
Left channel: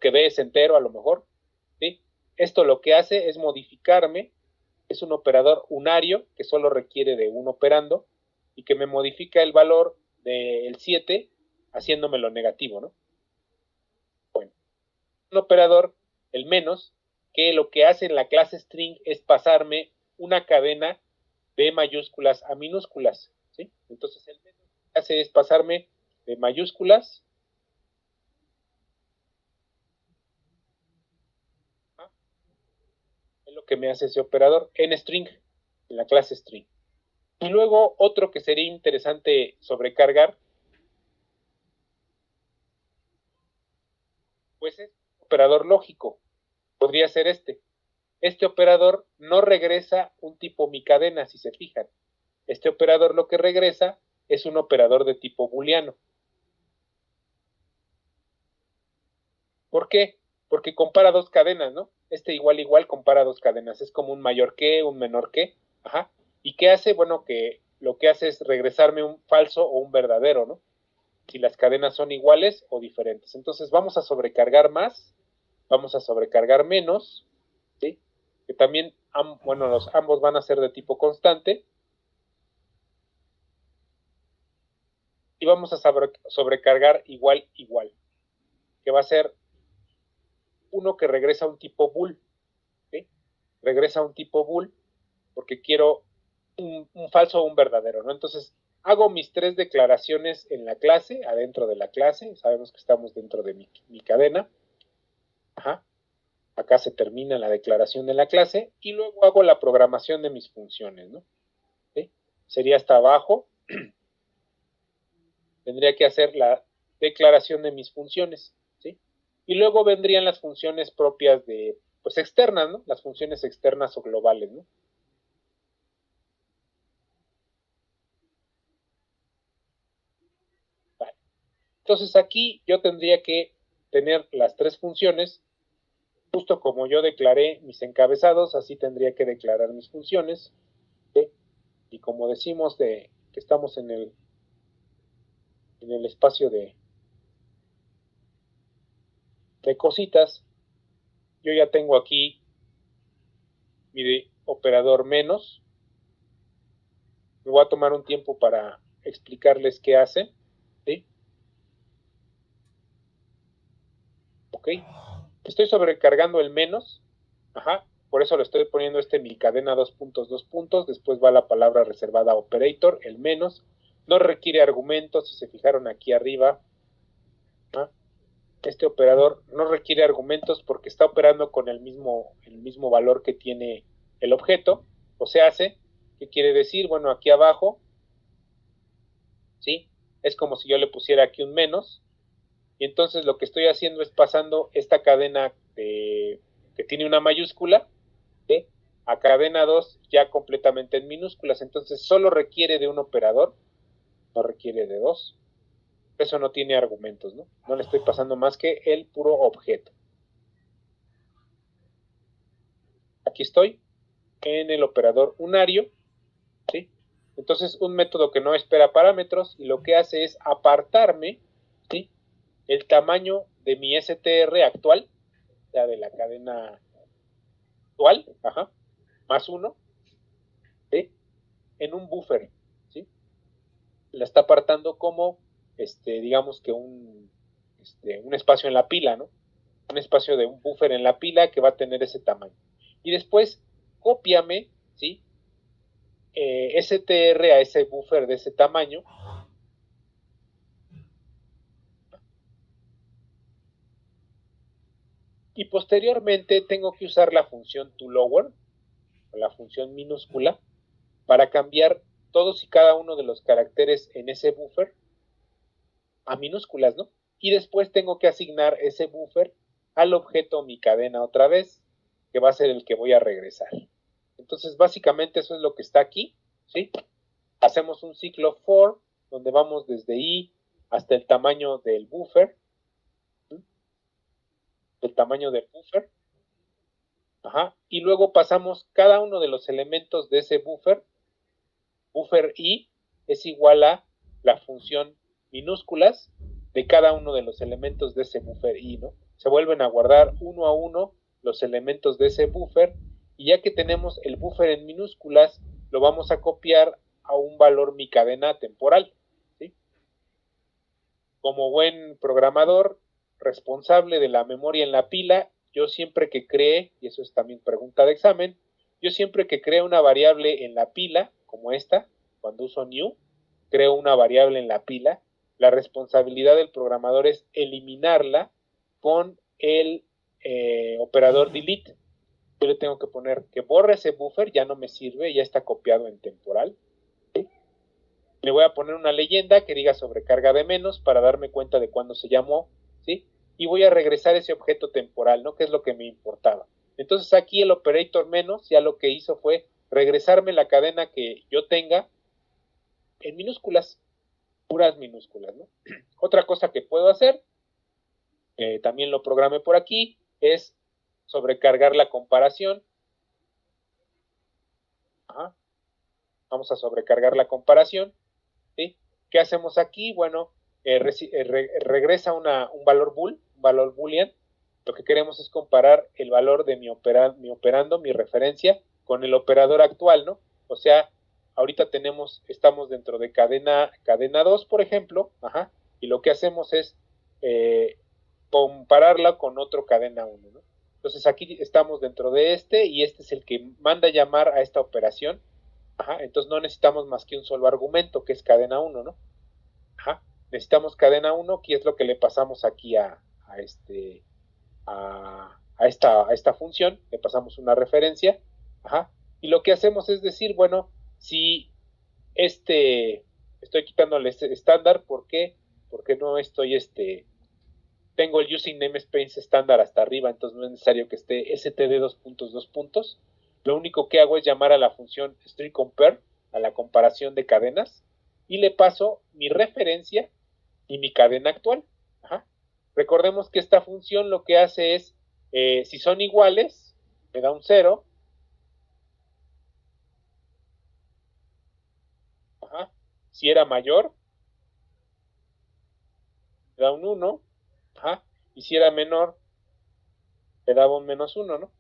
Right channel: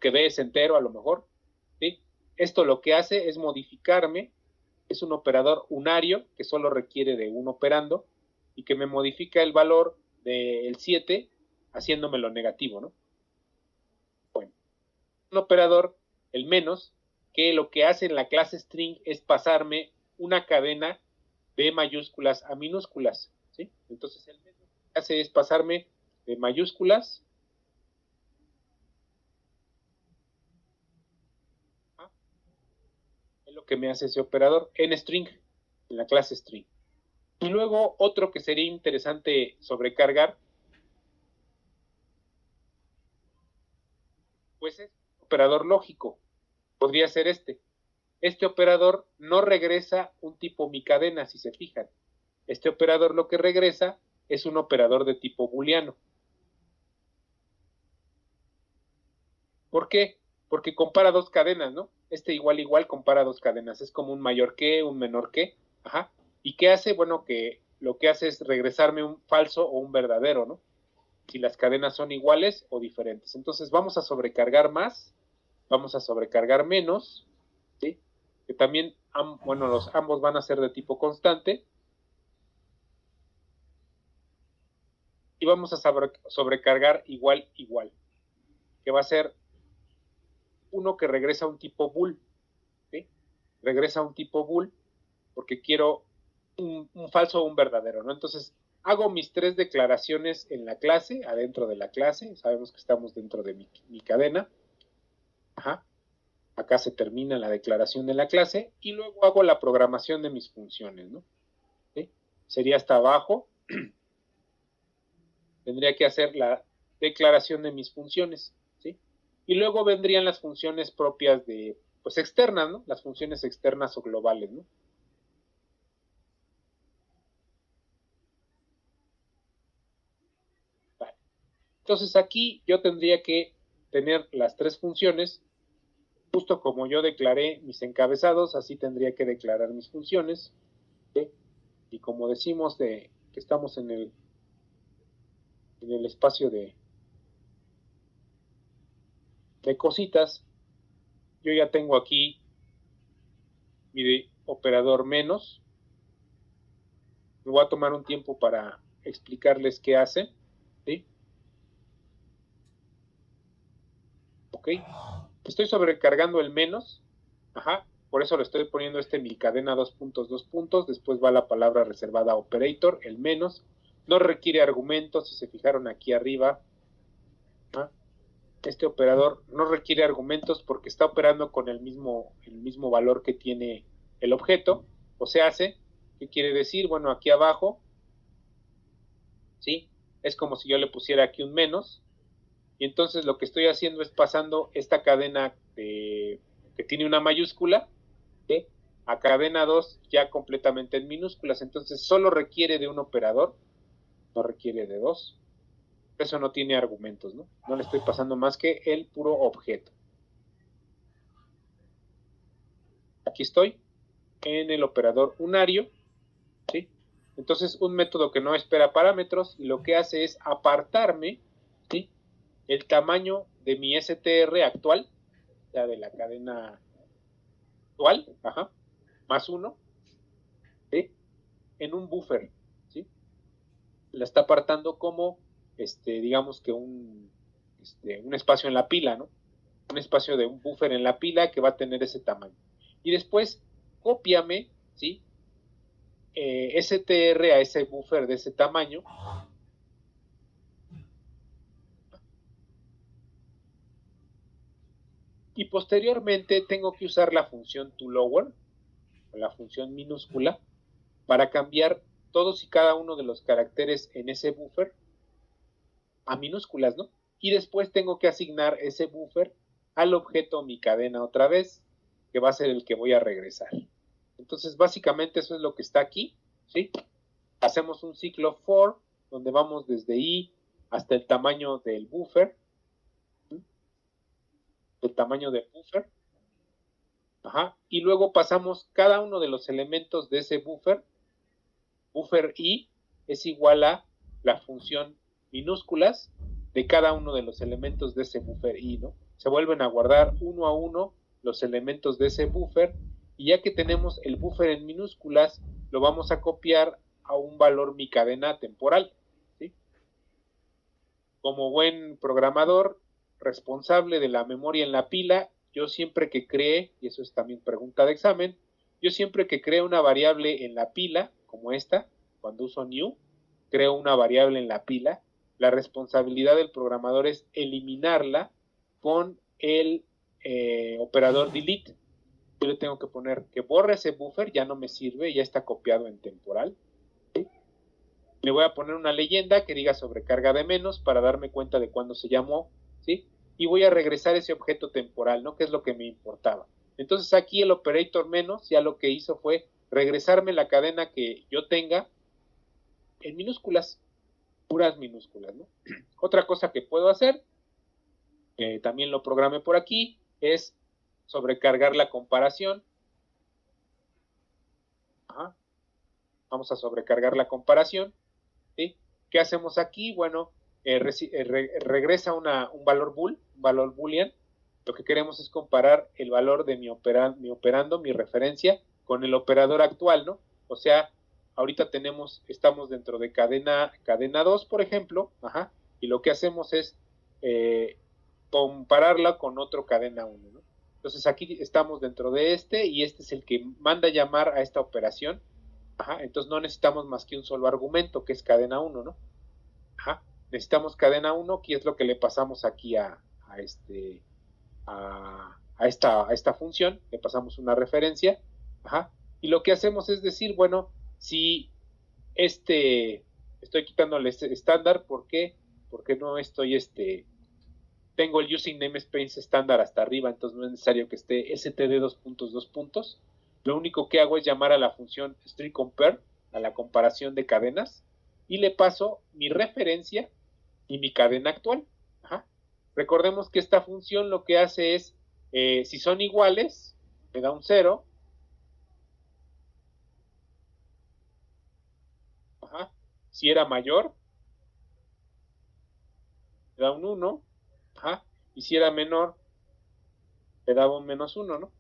que B es entero a lo mejor, ¿sí? Esto lo que hace es modificarme, es un operador unario que solo requiere de un operando y que me modifica el valor del 7 haciéndomelo negativo, ¿no? Bueno, un operador, el menos, que lo que hace en la clase string es pasarme una cadena de mayúsculas a minúsculas, ¿sí? Entonces el menos lo que hace es pasarme de mayúsculas es lo que me hace ese operador en string, en la clase string. Y luego otro que sería interesante sobrecargar, pues es operador lógico. Podría ser Este operador no regresa un tipo mi cadena, si se fijan. Este operador lo que regresa es un operador de tipo booleano. ¿Por qué? Porque compara dos cadenas, ¿no? Igual compara dos cadenas. Es como un mayor que, un menor que. Ajá. ¿Y qué hace? Bueno, que lo que hace es regresarme un falso o un verdadero, ¿no? Si las cadenas son iguales o diferentes. Entonces vamos a sobrecargar más, vamos a sobrecargar menos, ¿sí? Que también, bueno, ambos van a ser de tipo constante. Y vamos a sobrecargar igual, que va a ser uno que regresa a un tipo bool, ¿sí? Regresa a un tipo bool porque quiero un falso o un verdadero, ¿no? Entonces, hago mis tres declaraciones en la clase, adentro de la clase, sabemos que estamos dentro de mi cadena. Ajá. Acá se termina la declaración de la clase y luego hago la programación de mis funciones, ¿no? ¿Sí? Sería hasta abajo, tendría que hacer la declaración de mis funciones, ¿sí? Y luego vendrían las funciones propias pues externas, ¿no? Las funciones externas o globales, ¿no? Vale. Entonces aquí yo tendría que tener las tres funciones, justo como yo declaré mis encabezados, así tendría que declarar mis funciones, ¿sí? Y como decimos que estamos en el espacio de cositas, yo ya tengo aquí mi operador menos. Me voy a tomar un tiempo para explicarles qué hace, ¿sí? Ok. Estoy sobrecargando el menos, ajá, por eso le estoy poniendo mi cadena 2 puntos, después va la palabra reservada operator, el menos, no requiere argumentos, si se fijaron aquí arriba, ¿no? Este operador no requiere argumentos porque está operando con el mismo valor que tiene el objeto, o sea, ¿qué quiere decir? Bueno, aquí abajo, ¿sí? Es como si yo le pusiera aquí un menos, y entonces lo que estoy haciendo es pasando esta cadena que tiene una mayúscula, ¿sí? A cadena 2 ya completamente en minúsculas, entonces solo requiere de un operador, no requiere de dos, eso no tiene argumentos, ¿no? No le estoy pasando más que el puro objeto. Aquí estoy en el operador unario, ¿sí? Entonces un método que no espera parámetros y lo que hace es apartarme, ¿sí? El tamaño de mi str actual, o sea, de la cadena actual, ajá, más 1, ¿sí? En un buffer, ¿sí? La está apartando como, digamos que un espacio en la pila, ¿no? Un espacio de un buffer en la pila que va a tener ese tamaño. Y después, cópiame, ¿sí? str a ese buffer de ese tamaño. Y posteriormente tengo que usar la función toLower, la función minúscula, para cambiar todos y cada uno de los caracteres en ese buffer a minúsculas, ¿no? Y después tengo que asignar ese buffer al objeto mi cadena otra vez, que va a ser el que voy a regresar. Entonces, básicamente eso es lo que está aquí, ¿sí? Hacemos un ciclo for, donde vamos desde i hasta el tamaño del buffer, ¿sí? El tamaño del buffer, ajá, y luego pasamos cada uno de los elementos de ese buffer i es igual a la función minúsculas de cada uno de los elementos de ese buffer i, ¿no? Se vuelven a guardar uno a uno los elementos de ese buffer y ya que tenemos el buffer en minúsculas, lo vamos a copiar a un valor mi cadena temporal, ¿sí? Como buen programador responsable de la memoria en la pila, yo siempre que cree, y eso es también pregunta de examen, yo siempre que cree una variable en la pila, como esta, cuando uso new, creo una variable en la pila, la responsabilidad del programador es eliminarla con el operador delete. Yo le tengo que poner que borre ese buffer, ya no me sirve, ya está copiado en temporal. ¿Sí? Le voy a poner una leyenda que diga sobrecarga de menos para darme cuenta de cuándo se llamó, ¿sí? Y voy a regresar ese objeto temporal, ¿no? Que es lo que me importaba. Entonces aquí el operator menos ya lo que hizo fue regresarme la cadena que yo tenga en minúsculas, puras minúsculas, ¿no? Otra cosa que puedo hacer, también lo programé por aquí, es sobrecargar la comparación. Ajá. Vamos a sobrecargar la comparación, ¿sí? ¿Qué hacemos aquí? Bueno, regresa un valor bool, un valor boolean. Lo que queremos es comparar el valor de mi operando, mi referencia, con el operador actual, ¿no? O sea, ahorita estamos dentro de cadena 2, por ejemplo, ajá, y lo que hacemos es compararla con otro cadena 1, ¿no? Entonces aquí estamos dentro de y este es el que manda llamar a esta operación. Ajá, entonces no necesitamos más que un solo argumento, que es cadena 1, ¿no? Ajá, necesitamos cadena 1, que es lo que le pasamos aquí a esta función, le pasamos una referencia, ajá, y lo que hacemos es decir, bueno, si estoy quitándole este estándar, ¿por qué? Porque no estoy, tengo el using namespace estándar hasta arriba, entonces no es necesario que esté std:2 Lo único que hago es llamar a la función stringCompare, a la comparación de cadenas, y le paso mi referencia y mi cadena actual. Ajá. Recordemos que esta función lo que hace es, si son iguales, me da un 0. Ajá. Si era mayor, me da un 1. Ajá. Y si era menor, me daba un -1, ¿no?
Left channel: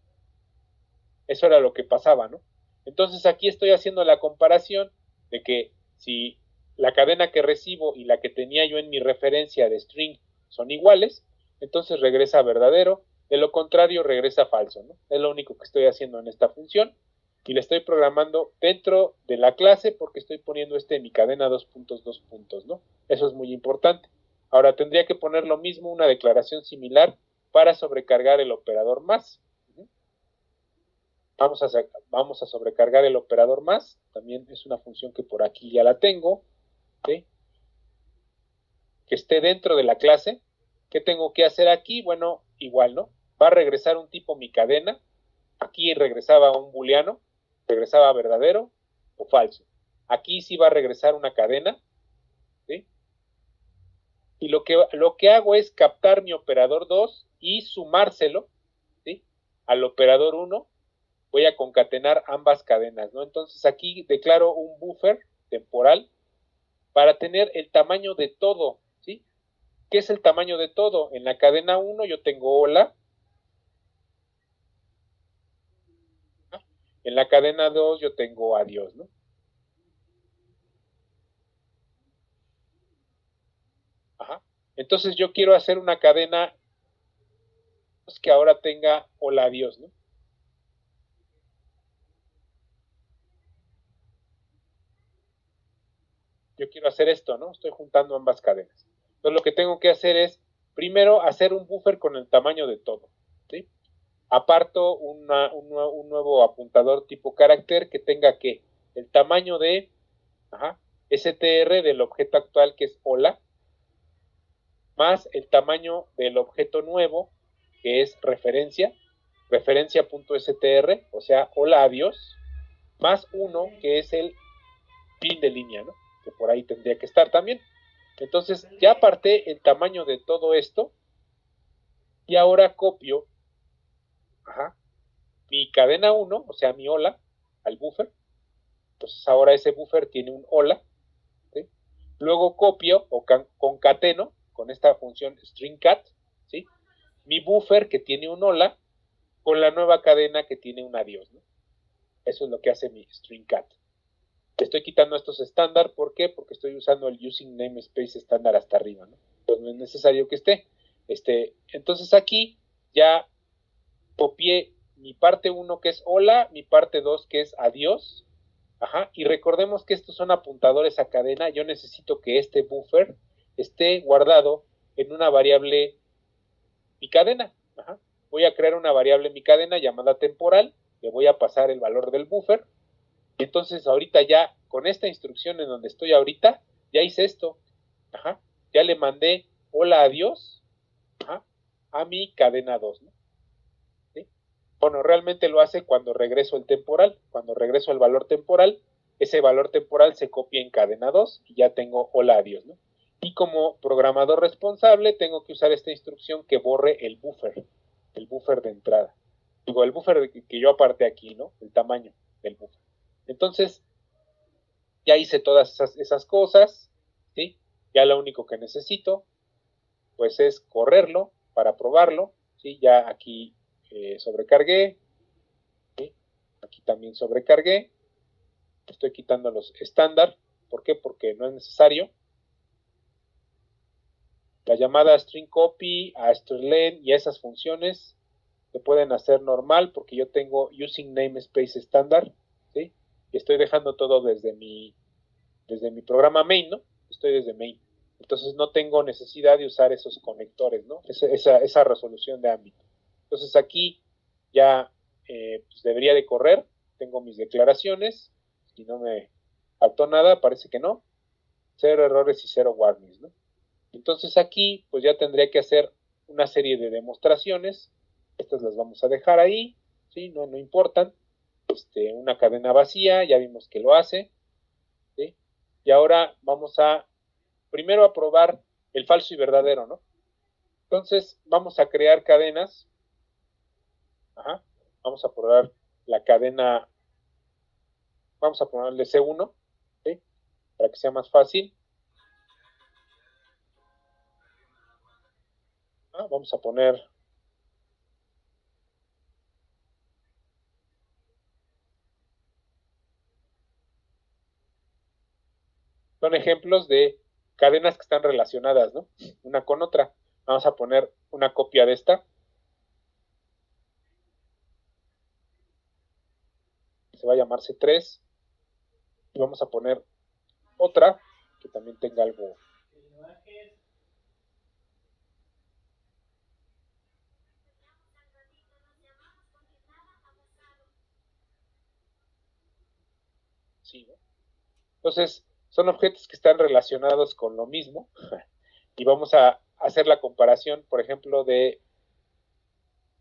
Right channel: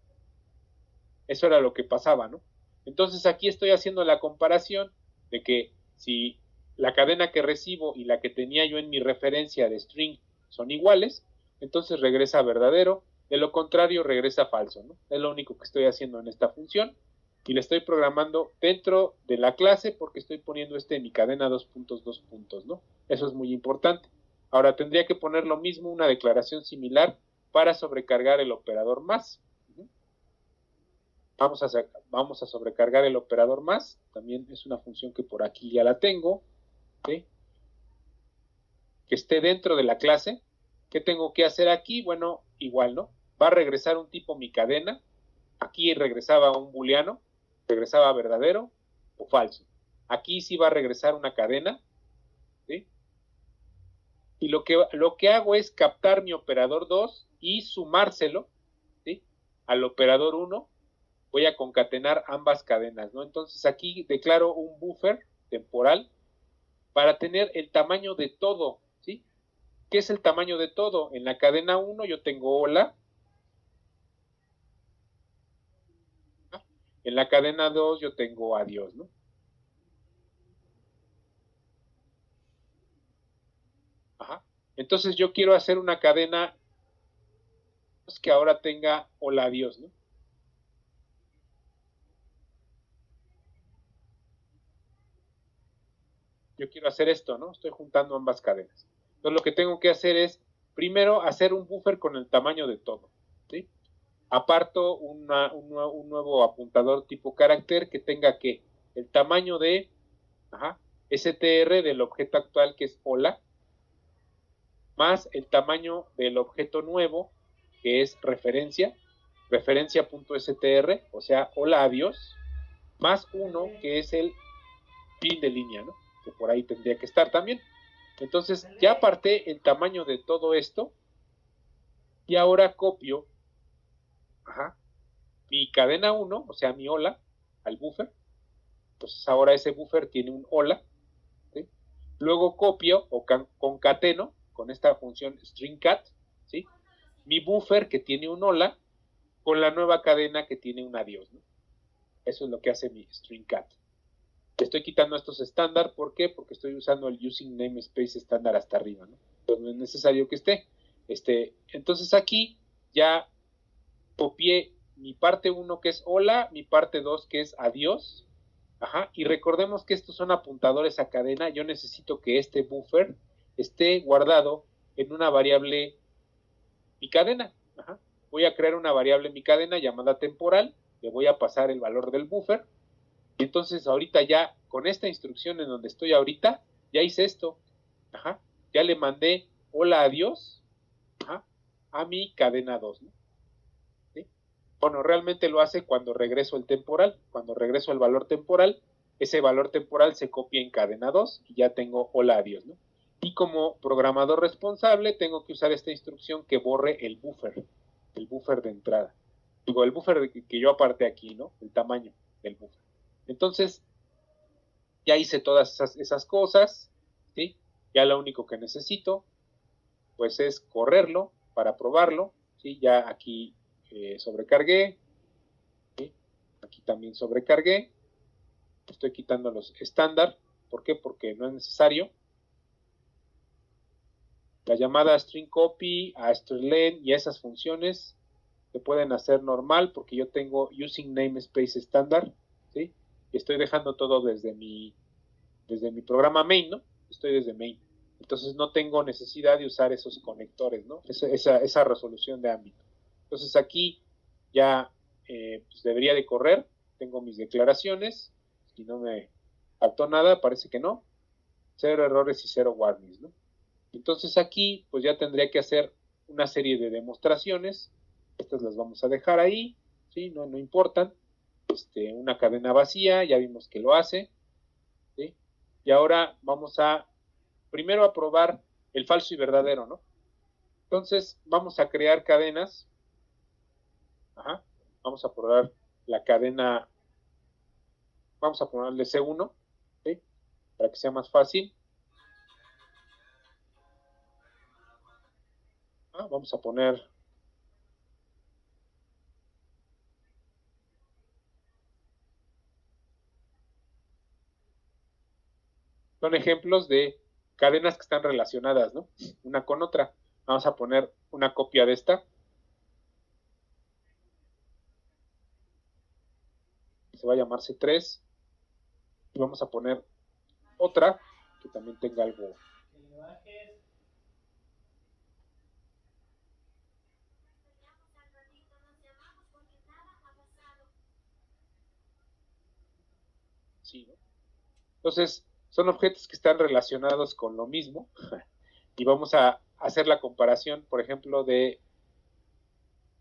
Eso era lo que pasaba, ¿no? Entonces aquí estoy haciendo la comparación de que si la cadena que recibo y la que tenía yo en mi referencia de string son iguales, entonces regresa verdadero, de lo contrario regresa falso, ¿no? Es lo único que estoy haciendo en esta función y le estoy programando dentro de la clase porque estoy poniendo en mi cadena 2 puntos, ¿no? Eso es muy importante. Ahora tendría que poner lo mismo, una declaración similar para sobrecargar el operador más. Vamos a sobrecargar el operador más, también es una función que por aquí ya la tengo, ¿sí? Que esté dentro de la clase. ¿Qué tengo que hacer aquí? Bueno, igual, ¿no? Va a regresar un tipo mi cadena, aquí regresaba un booleano, regresaba verdadero o falso. Aquí sí va a regresar una cadena, ¿sí? Y lo que hago es captar mi operador 2 y sumárselo, ¿sí? Al operador 1. Voy a concatenar ambas cadenas, ¿no? Entonces aquí declaro un buffer temporal para tener el tamaño de todo, ¿sí? ¿Qué es el tamaño de todo? En la cadena 1 yo tengo hola, en la cadena 2 yo tengo adiós, ¿no? Ajá. Entonces yo quiero hacer una cadena que ahora tenga hola, adiós, ¿no? Yo quiero hacer esto, ¿no? Estoy juntando ambas cadenas. Entonces lo que tengo que hacer es, primero, hacer un buffer con el tamaño de todo, ¿sí? Aparto un nuevo apuntador tipo carácter que tenga que el tamaño de str del objeto actual que es hola, más el tamaño del objeto nuevo que es referencia, referencia.str, o sea, hola, adiós, más uno que es el fin de línea, ¿no? Que por ahí tendría que estar también. Entonces, ya aparté el tamaño de todo esto y ahora copio mi cadena 1, o sea, mi hola, al buffer. Entonces, ahora ese buffer tiene un hola, ¿sí? Luego copio o concateno con esta función stringcat, ¿sí? Mi buffer que tiene un hola con la nueva cadena que tiene un adiós, ¿no? Eso es lo que hace mi stringcat. Le estoy quitando estos estándar, ¿por qué? Porque estoy usando el using namespace estándar hasta arriba, ¿no? Pues no es necesario que esté. Entonces aquí ya copié mi parte 1 que es hola, mi parte 2 que es adiós. Y recordemos que estos son apuntadores a cadena. Yo necesito que este buffer esté guardado en una variable mi cadena. Voy a crear una variable mi cadena llamada temporal. Le voy a pasar el valor del buffer. Y entonces ahorita ya con esta instrucción en donde estoy ahorita, ya hice esto. Ya le mandé hola, adiós a mi cadena 2, ¿no? ¿Sí? Bueno, realmente lo hace cuando regreso el temporal. Cuando regreso el valor temporal, ese valor temporal se copia en cadena 2 y ya tengo hola, adiós, ¿no? Y como programador responsable, tengo que usar esta instrucción que borre el buffer de entrada. Digo, el buffer que yo aparté aquí, ¿no? El tamaño del buffer. Entonces, ya hice todas esas cosas, ¿sí? Ya lo único que necesito, pues es correrlo para probarlo, ¿sí? Ya aquí sobrecargué, ¿sí? Aquí también sobrecargué, estoy quitando los estándar, ¿por qué? Porque no es necesario. La llamada string copy, a strlen y a esas funciones se pueden hacer normal porque yo tengo using namespace estándar, ¿sí? Y estoy dejando todo desde mi programa main, ¿no? Estoy desde main. Entonces no tengo necesidad de usar esos conectores, ¿no? Esa resolución de ámbito. Entonces aquí ya pues debería de correr, tengo mis declaraciones, si no me faltó nada, parece que no, 0 errores y 0 warnings, ¿no? Entonces aquí pues ya tendría que hacer una serie de demostraciones, estas las vamos a dejar ahí, ¿sí? No importan, una cadena vacía, ya vimos que lo hace, ¿sí? Y ahora vamos a primero a probar el falso y verdadero, ¿no? Entonces, vamos a crear cadenas. Ajá. Vamos a probar la cadena. Vamos a ponerle C1, ¿sí? Para que sea más fácil. Vamos a poner son ejemplos de cadenas que están relacionadas, ¿no? Una con otra. Vamos a poner una copia de esta. Se va a llamar C3. Y vamos a poner otra que también tenga algo. Sí, ¿no? Entonces, son objetos que están relacionados con lo mismo. Y vamos a hacer la comparación, por ejemplo, de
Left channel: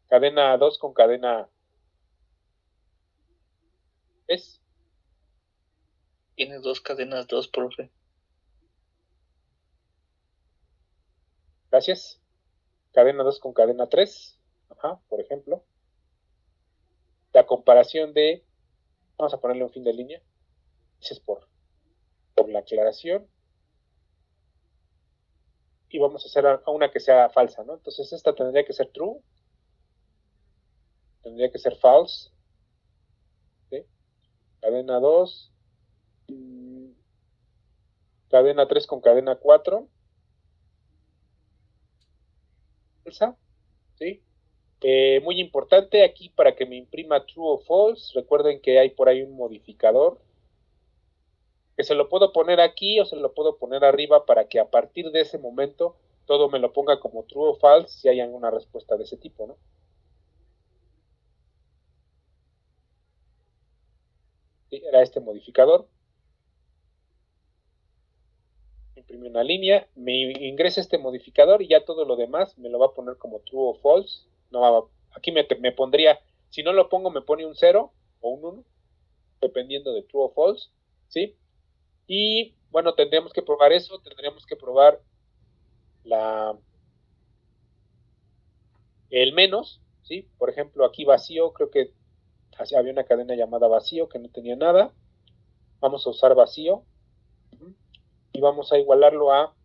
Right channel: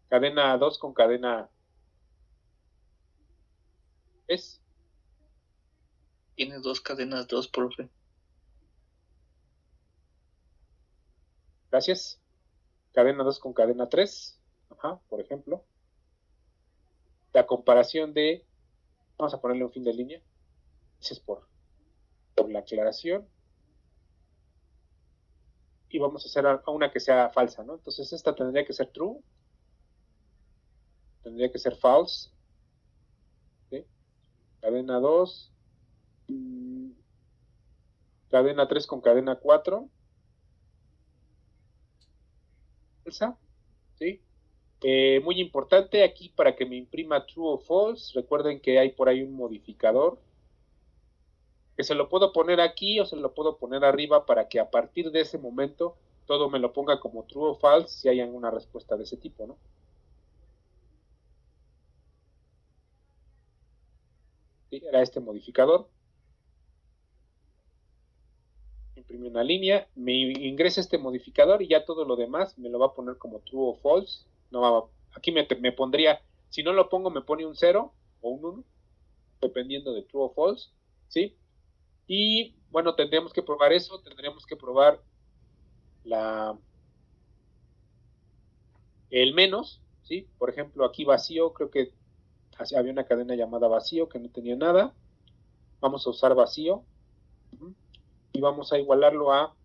cadena 2 con cadena 3. Tienes dos cadenas, dos, profe. Gracias. Cadena 2 con cadena 3. Ajá, por ejemplo. La comparación de, vamos a ponerle un fin de línea. Gracias por la aclaración. Y vamos a hacer a una que sea falsa, ¿no? Entonces esta tendría que ser true. Tendría que ser false. ¿Sí? Cadena 2. Cadena 3 con cadena 4. Falsa. ¿Sí? Muy importante aquí para que me imprima true o false. Recuerden que hay por ahí un modificador que se lo puedo poner aquí o se lo puedo poner arriba para que a partir de ese momento todo me lo ponga como true o false si hay alguna respuesta de ese tipo, ¿no? ¿Sí? Era este modificador. Imprime una línea, me ingresa este modificador y ya todo lo demás me lo va a poner como true o false. No va, aquí me pondría, si no lo pongo me pone un 0 o un 1, dependiendo de true o false, ¿sí? Y bueno, tendríamos que probar eso, tendríamos que probar el menos, ¿sí? Por ejemplo, aquí vacío, creo que había una cadena llamada vacío que no tenía nada. Vamos a usar vacío y vamos a igualarlo a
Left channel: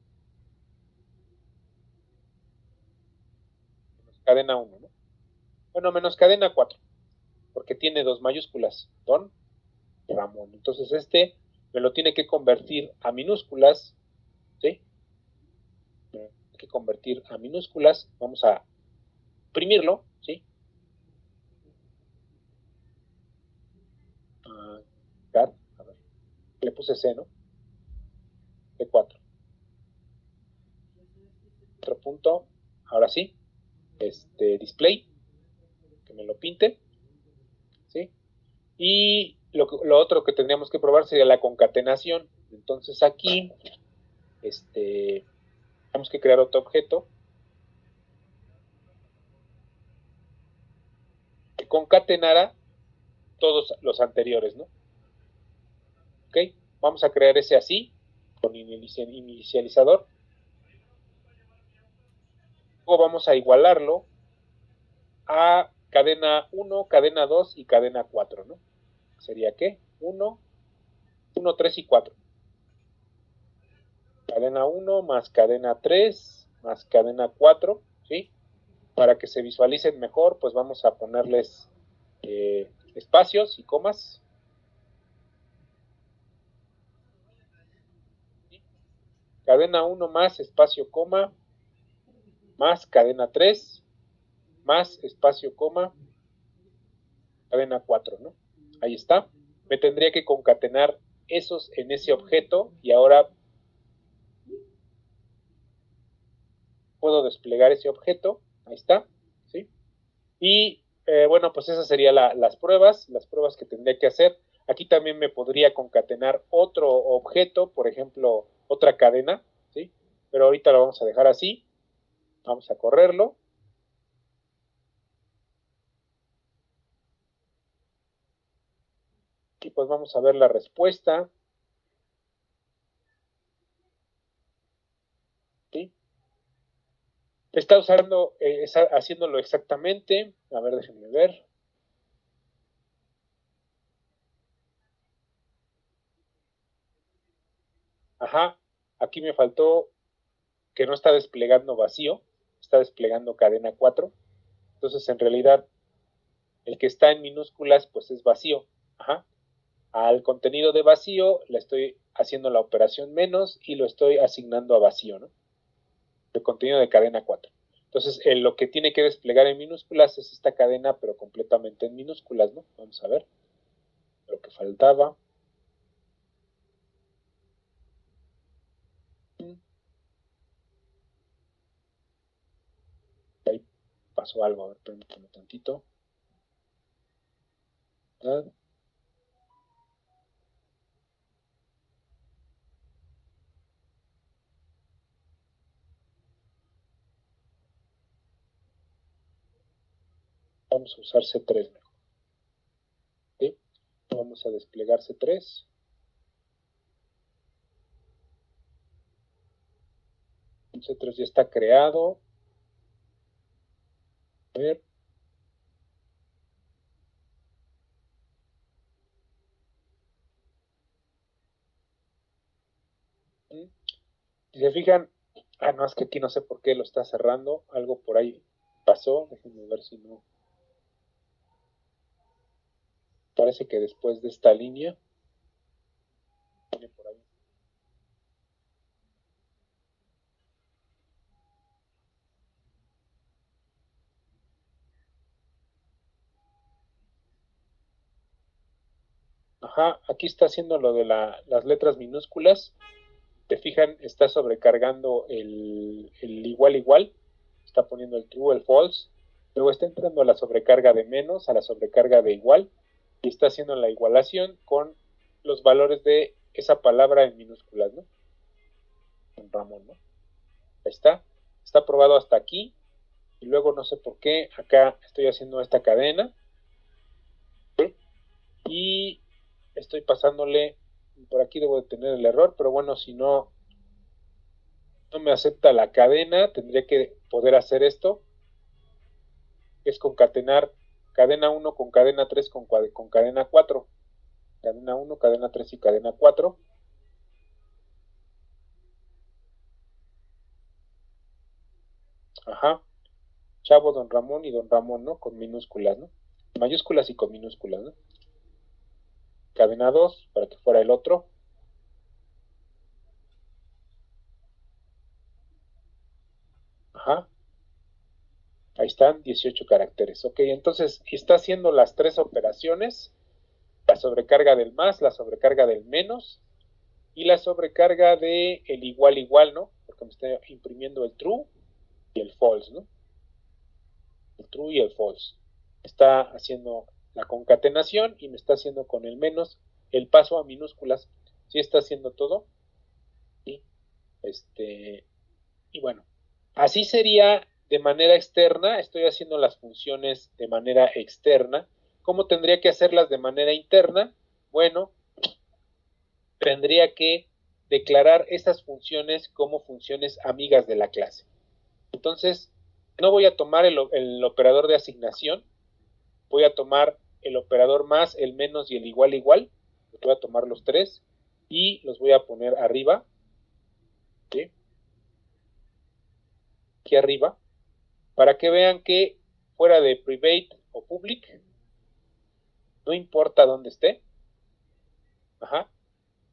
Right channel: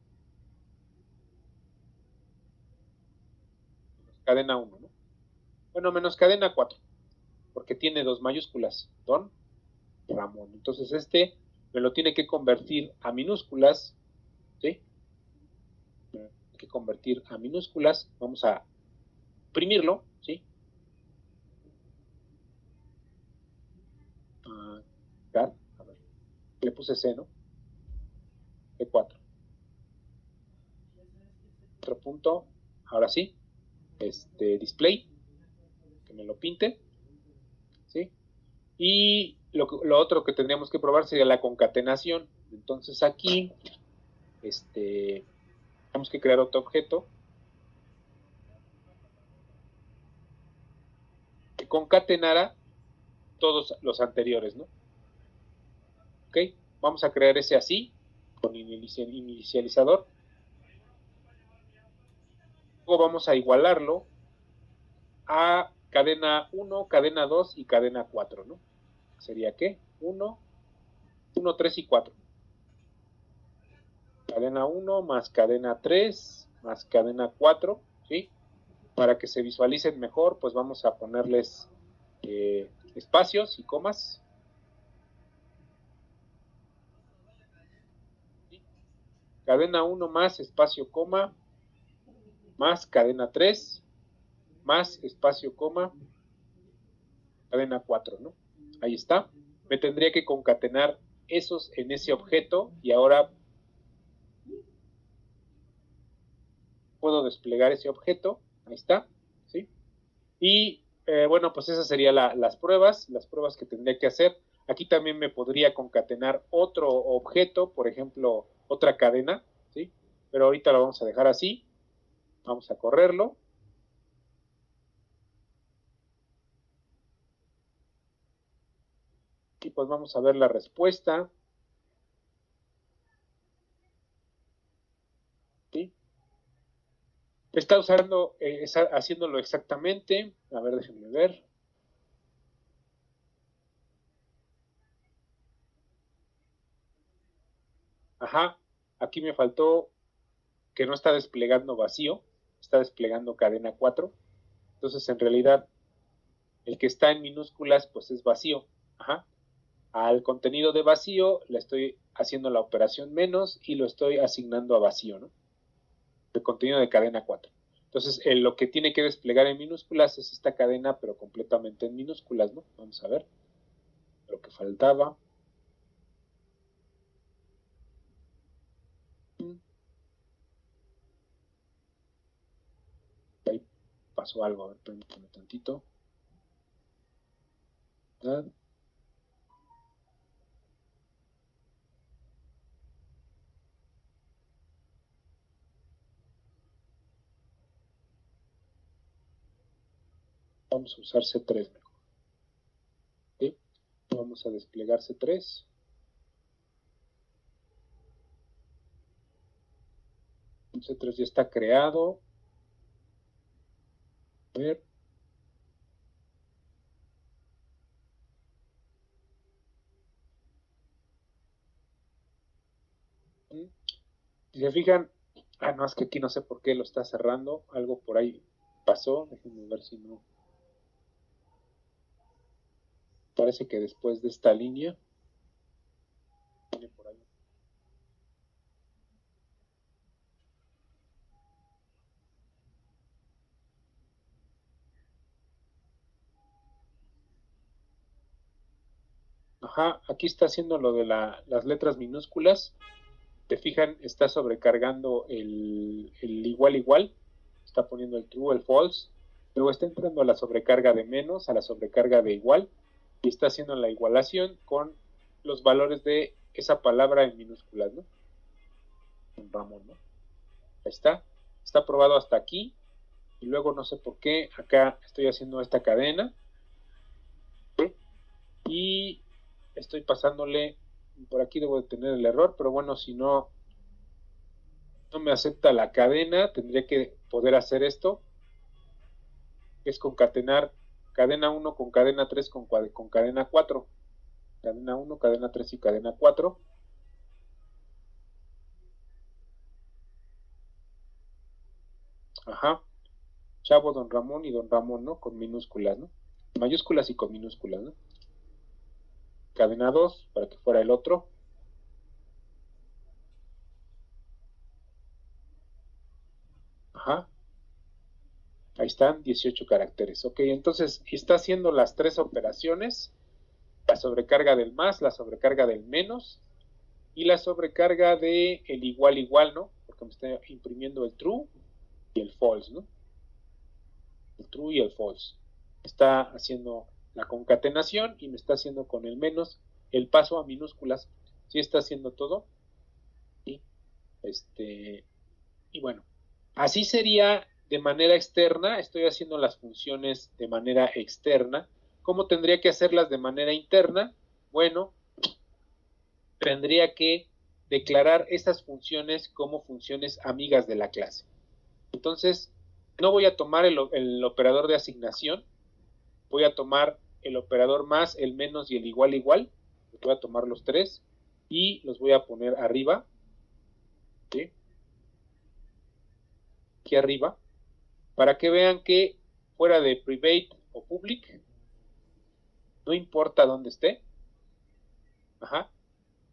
cadena 1, ¿no? Bueno, menos cadena 4, porque tiene dos mayúsculas, Don Ramón. Entonces este me lo tiene que convertir a minúsculas, ¿sí? Me lo tiene que convertir a minúsculas. Vamos a imprimirlo, ¿sí? A ver, le puse C, ¿no? C4. Otro punto, ahora sí, display, que me lo pinte, ¿sí? Y lo otro que tendríamos que probar sería la concatenación. Entonces aquí, tenemos que crear otro objeto que concatenara todos los anteriores, ¿no? ¿Ok? Vamos a crear ese así, con inicializador. Luego vamos a igualarlo a cadena 1, cadena 2 y cadena 4, ¿no? ¿Sería qué? 1, 1, 3 y 4. Cadena 1 más cadena 3 más cadena 4, ¿sí? Para que se visualicen mejor, pues vamos a ponerles espacios y comas. ¿Sí? Cadena 1 más espacio coma más cadena 3 más espacio coma cadena 4, ¿no? Ahí está. Me tendría que concatenar esos en ese objeto y ahora puedo desplegar ese objeto. Ahí está, ¿sí? Y bueno, pues esas serían las pruebas que tendría que hacer. Aquí también me podría concatenar otro objeto, por ejemplo, otra cadena, ¿sí? Pero ahorita lo vamos a dejar así. Vamos a correrlo. Y pues vamos a ver la respuesta. ¿Sí? Está usando, haciéndolo exactamente. A ver, déjenme ver. Ajá, aquí me faltó que no está desplegando vacío, está desplegando cadena 4. Entonces, en realidad, el que está en minúsculas, pues es vacío. Ajá. Al contenido de vacío le estoy haciendo la operación menos y lo estoy asignando a vacío, ¿no? El contenido de cadena 4. Entonces, lo que tiene que desplegar en minúsculas es esta cadena, pero completamente en minúsculas, ¿no? Vamos a ver lo que faltaba. Ahí pasó algo, a ver, permítame tantito. ¿Verdad? Vamos a usar C3 mejor. ¿Sí? Vamos a desplegar C3. C3 ya está creado. A ver. Si se fijan, no, es que aquí no sé por qué lo está cerrando. Algo por ahí pasó. Déjenme ver si no. Parece que después de esta línea viene por ahí. Ajá, aquí está haciendo lo de las letras minúsculas. Te fijan, está sobrecargando el igual igual. Está poniendo el true, el false. Luego está entrando a la sobrecarga de menos, a la sobrecarga de igual. Y está haciendo la igualación con los valores de esa palabra en minúsculas, ¿no? Con Ramón, ¿no? Ahí está. Está probado hasta aquí. Y luego no sé por qué acá estoy haciendo esta cadena. ¿Sí? Y estoy pasándole, por aquí debo de tener el error, pero bueno, si no me acepta la cadena, tendría que poder hacer esto, que es concatenar cadena 1 con cadena 3 con cadena 4. Cadena 1, cadena 3 y cadena 4. Ajá. Chavo, don Ramón y don Ramón, ¿no? Con minúsculas, ¿no? Mayúsculas y con minúsculas, ¿no? Cadena 2 para que fuera el otro. Ajá. Ahí están, 18 caracteres. Ok, entonces está haciendo las tres operaciones: la sobrecarga del más, la sobrecarga del menos y la sobrecarga de el igual igual, ¿no? Porque me está imprimiendo el true y el false, ¿no? El true y el false. Está haciendo la concatenación y me está haciendo con el menos el paso a minúsculas. Sí está haciendo todo. Y, y bueno, así sería de manera externa. Estoy haciendo las funciones de manera externa. ¿Cómo tendría que hacerlas de manera interna? Bueno, tendría que declarar estas funciones como funciones amigas de la clase. Entonces, no voy a tomar el operador de asignación, voy a tomar el operador más, el menos y el igual igual. Voy a tomar los tres y los voy a poner arriba, ¿sí? Aquí arriba, para que vean que fuera de private o public, no importa dónde esté, ajá,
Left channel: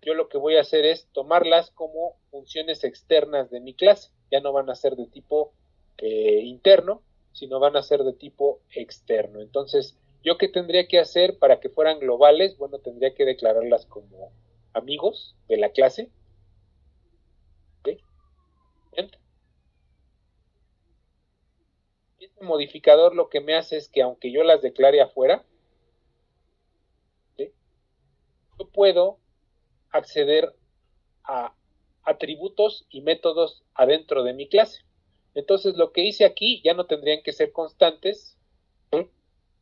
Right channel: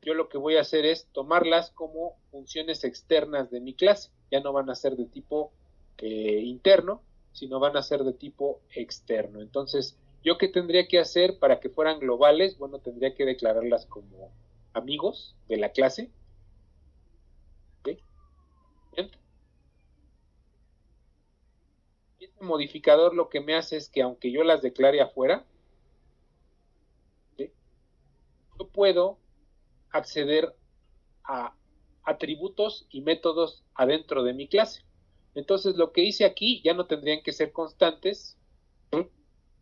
yo lo que voy a hacer es tomarlas como funciones externas de mi clase. Ya no van a ser de tipo interno, sino van a ser de tipo externo. Entonces, ¿yo qué tendría que hacer para que fueran globales? Bueno, tendría que declararlas como amigos de la clase. ¿Sí? Este modificador lo que me hace es que aunque yo las declare afuera, ¿sí? Yo puedo acceder a atributos y métodos adentro de mi clase. Entonces lo que hice aquí ya no tendrían que ser constantes, ¿sí?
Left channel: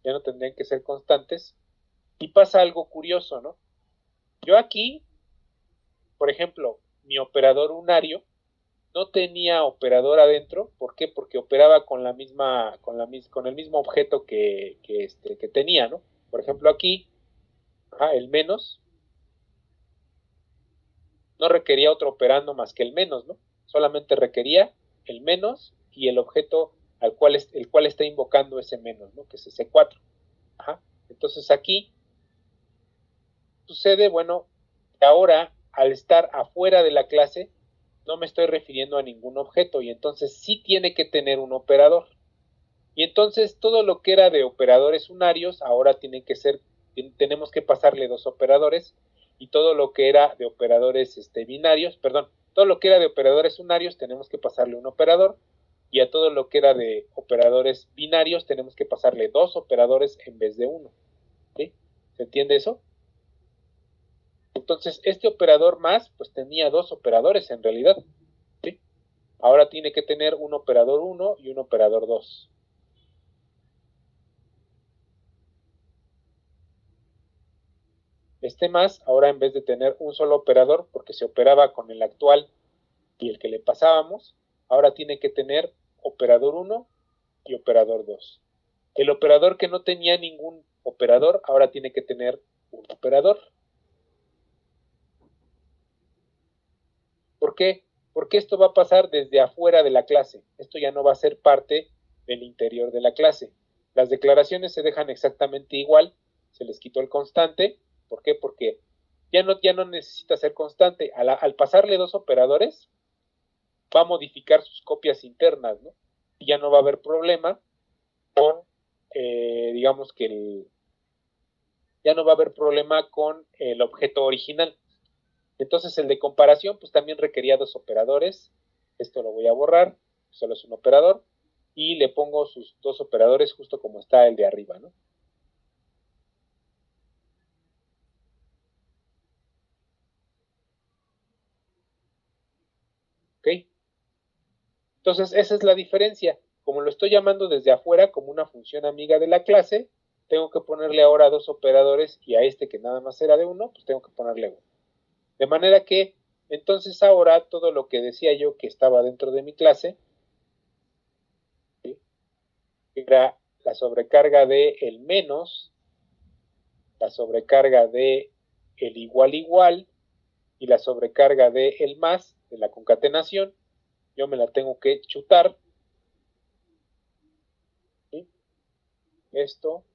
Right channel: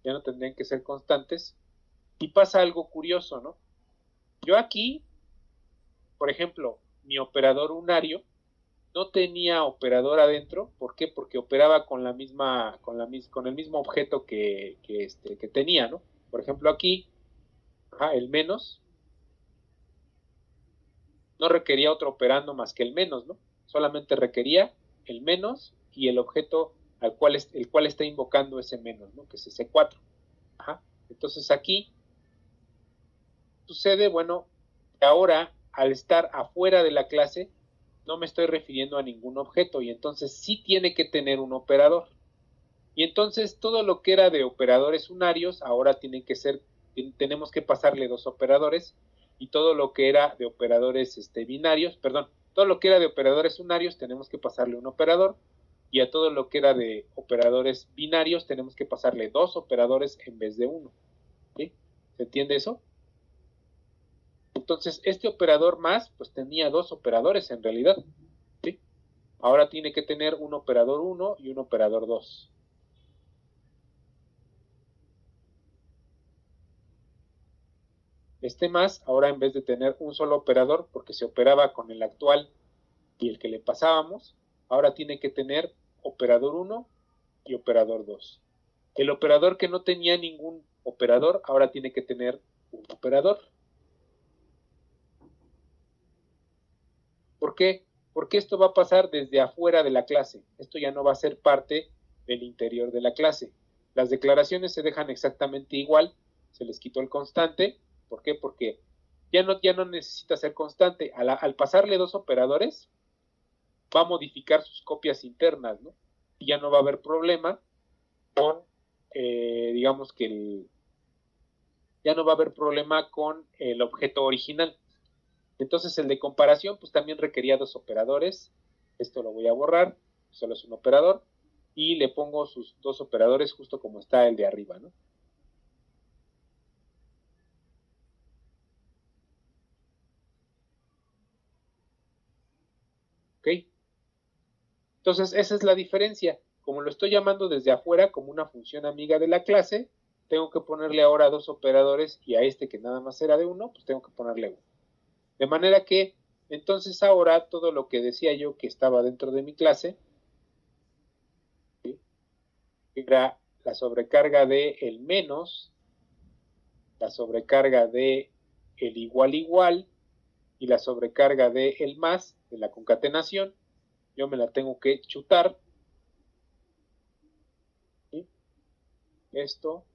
Ya no tendrían que ser constantes. Y pasa algo curioso, ¿no? Yo aquí, por ejemplo, mi operador unario, no tenía operador adentro. ¿Por qué? Porque operaba con el mismo objeto que tenía, ¿no? Por ejemplo, aquí, el menos no requería otro operando más que el menos, ¿no? Solamente requería el menos y el objeto el cual está invocando ese menos, ¿no? Que es ese 4. Entonces aquí sucede, bueno, que ahora al estar afuera de la clase no me estoy refiriendo a ningún objeto y entonces sí tiene que tener un operador. Y entonces todo lo que era de operadores unarios ahora tenemos que pasarle dos operadores, y todo lo que era de operadores binarios, perdón, todo lo que era de operadores unarios tenemos que pasarle un operador, y a todo lo que era de operadores binarios tenemos que pasarle dos operadores en vez de uno. ¿Sí? ¿Se entiende eso? Entonces este operador más pues tenía dos operadores en realidad. ¿Sí? Ahora tiene que tener un operador 1 y un operador 2. Este más, ahora en vez de tener un solo operador, porque se operaba con el actual y el que le pasábamos, ahora tiene que tener operador 1 y operador 2. El operador que no tenía ningún operador, ahora tiene que tener un operador. ¿Por qué? Porque esto va a pasar desde afuera de la clase. Esto ya no va a ser parte del interior de la clase. Las declaraciones se dejan exactamente igual, se les quitó el constante. ¿Por qué? Porque ya no necesita ser constante. Al pasarle dos operadores, va a modificar sus copias internas, ¿no? Y ya no va a haber problema con, digamos que ya no va a haber problema con el objeto original. Entonces el de comparación pues también requería dos operadores. Esto lo voy a borrar, solo es un operador, y le pongo sus dos operadores justo como está el de arriba, ¿no? ¿Ok? Entonces esa es la diferencia. Como lo estoy llamando desde afuera como una función amiga de la clase, tengo que ponerle ahora dos operadores, y a este que nada más era de uno, pues tengo que ponerle uno. De manera que entonces ahora todo lo que decía yo que estaba dentro de mi clase, ¿sí?, era la sobrecarga de el menos, la sobrecarga de el igual igual y la sobrecarga de el más de la concatenación. Yo me la tengo que chutar. ¿Sí? Esto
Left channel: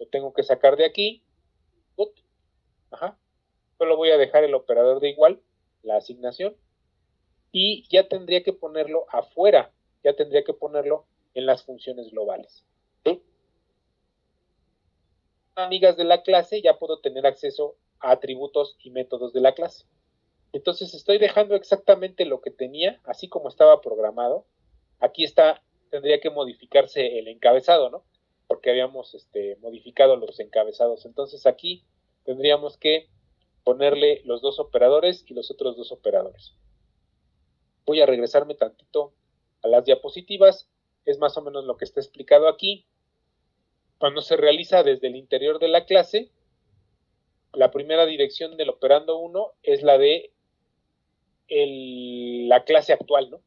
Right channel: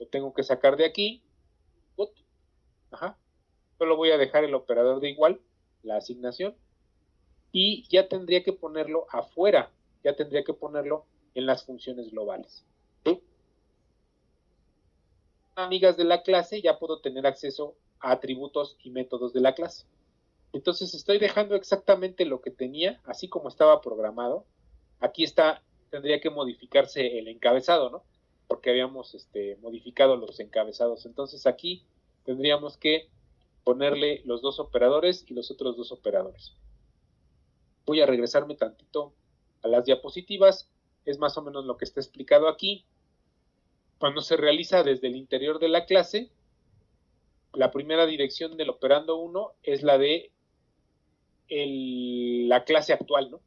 lo tengo que sacar de aquí. Ajá. Solo voy a dejar el operador de igual, la asignación, y ya tendría que ponerlo afuera, ya tendría que ponerlo en las funciones globales. ¿Sí? Amigas de la clase, ya puedo tener acceso a atributos y métodos de la clase. Entonces estoy dejando exactamente lo que tenía, así como estaba programado. Aquí tendría que modificarse el encabezado, ¿no? Porque habíamos modificado los encabezados. Entonces aquí tendríamos que ponerle los dos operadores y los otros dos operadores. Voy a regresarme tantito a las diapositivas. Es más o menos lo que está explicado aquí. Cuando se realiza desde el interior de la clase, la primera dirección del operando 1 es la de la clase actual, ¿no?